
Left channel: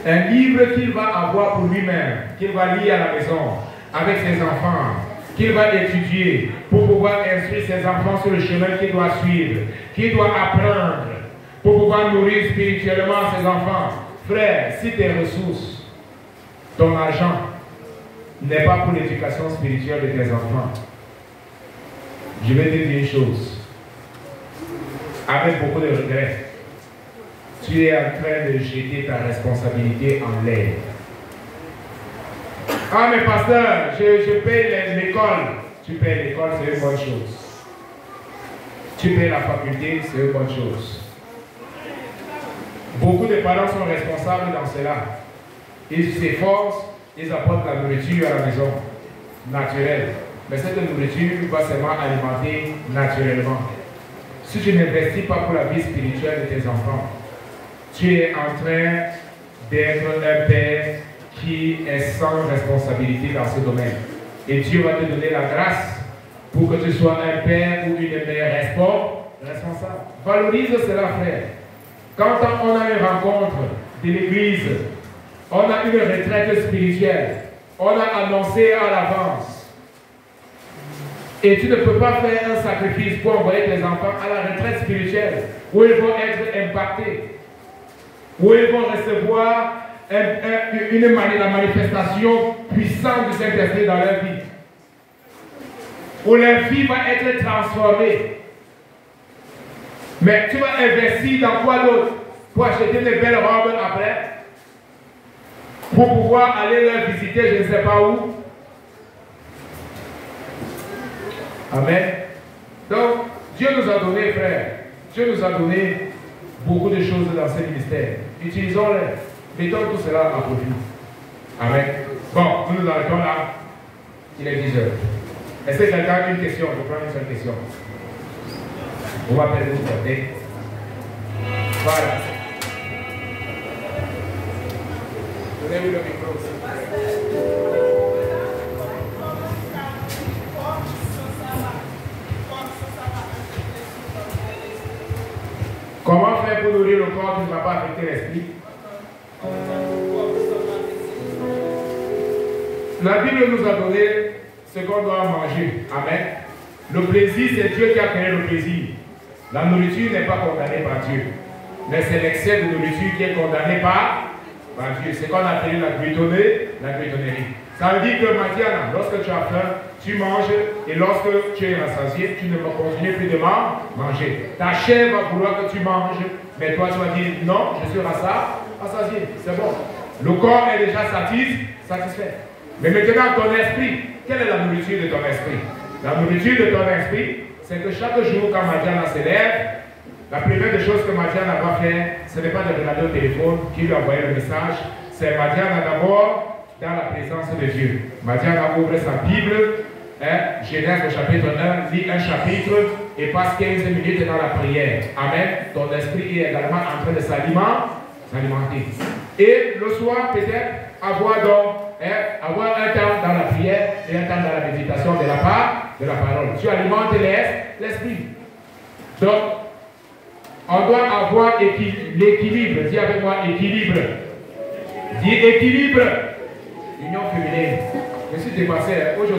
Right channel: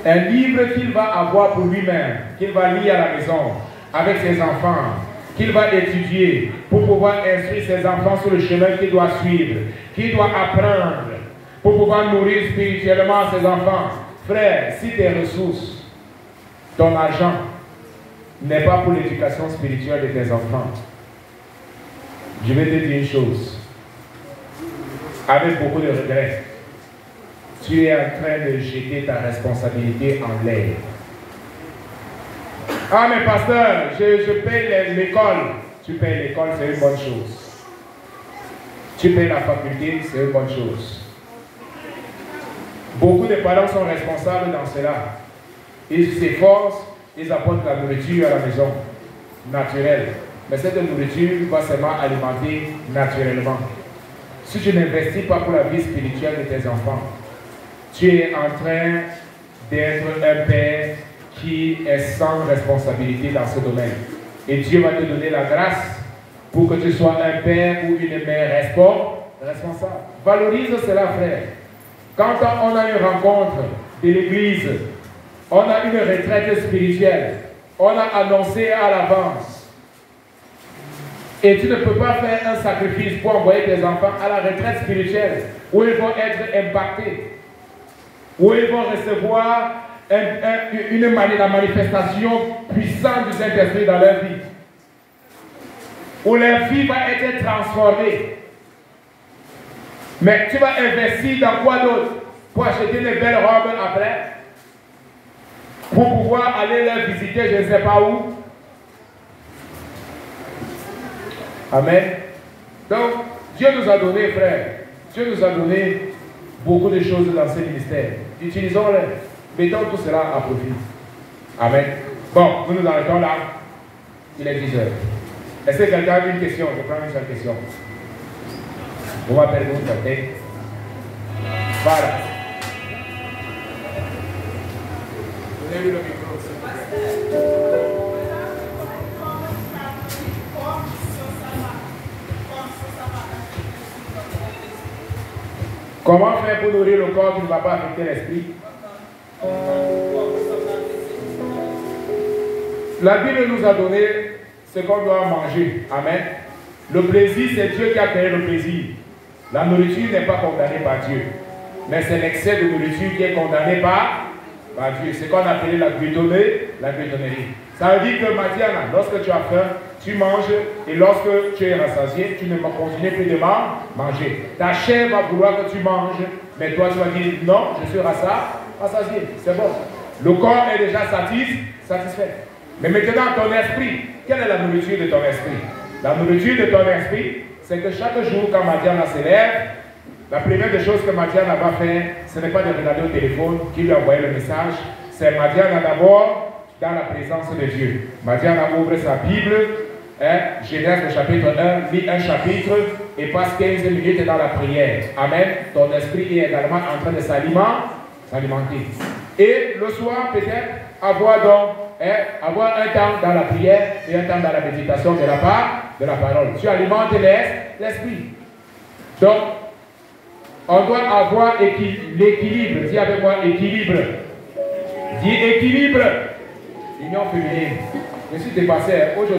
Un livre qu'il va avoir pour lui-même, qu'il va lire à la maison, avec ses enfants, qu'il va étudier pour pouvoir instruire ses enfants sur le chemin qu'il doit suivre, qu'il doit apprendre pour pouvoir nourrir spirituellement ses enfants. Frère, si tes ressources, ton argent n'est pas pour l'éducation spirituelle de tes enfants, je vais te dire une chose, avec beaucoup de regrets, tu es en train de jeter ta responsabilité en l'air. Ah mais pasteur, je paye l'école. Tu payes l'école, c'est une bonne chose. Tu payes la faculté, c'est une bonne chose. Beaucoup de parents sont responsables dans cela. Ils s'efforcent, ils apportent la nourriture à la maison, naturelle. Mais cette nourriture va seulement alimenter naturellement. Si tu n'investis pas pour la vie spirituelle de tes enfants, tu es en train d'être un père qui est sans responsabilité dans ce domaine. Et Dieu va te donner la grâce pour que tu sois un père ou une mère responsable. Valorise cela, frère. Quand on a une rencontre de l'église, on a une retraite spirituelle, on a annoncé à l'avance. Et tu ne peux pas faire un sacrifice pour envoyer tes enfants à la retraite spirituelle où ils vont être impactés, où ils vont recevoir la manifestation puissante du Saint-Esprit dans leur vie, où leur vie va être transformée. Mais tu vas investir dans quoi d'autre? Pour acheter des belles robes après, pour pouvoir aller les visiter je ne sais pas où. Amen. Donc, Dieu nous a donné, frère, Dieu nous a donné beaucoup de choses dans ce ministère. Utilisons-les. Mettons tout cela à profit. Amen. Bon, nous nous arrêtons là. Il est 10 heures. Est-ce que quelqu'un a une question? Je prends une seule question. Vous m'appelez vous côté. Voilà. Donnez-lui le micro aussi. Comment faire pour nourrir le corps qui ne va pas affecter l'esprit? La Bible nous a donné ce qu'on doit manger. Amen. Le plaisir, c'est Dieu qui a créé le plaisir. La nourriture n'est pas condamnée par Dieu. Mais c'est l'excès de nourriture qui est condamné par Dieu. C'est qu'on appelle la glutonnerie. Ça veut dire que maintenant, lorsque tu as faim, tu manges, et lorsque tu es rassasié, tu ne continues plus de manger. Ta chair va vouloir que tu manges, mais toi tu vas dire non, je suis rassasié, c'est bon. Le corps est déjà satisfait. Mais maintenant ton esprit, quelle est la nourriture de ton esprit? La nourriture de ton esprit, c'est que chaque jour quand Madiana se lève, la première des choses que Madiana va faire, ce n'est pas de regarder au téléphone qui lui a envoyé le message, c'est Madiana d'abord dans la présence de Dieu. Madiana ouvre sa Bible, Genèse au chapitre 1, lit un chapitre et passe 15 minutes dans la prière. Amen. Ton esprit est également en train de s'alimenter. Et le soir, peut-être, avoir un temps dans la prière et un temps dans la méditation de la parole. Tu alimentes l'esprit. Donc, on doit avoir l'équilibre. Dis avec moi équilibre. Dis équilibre. Union féminine. Je suis dépassé aujourd'hui.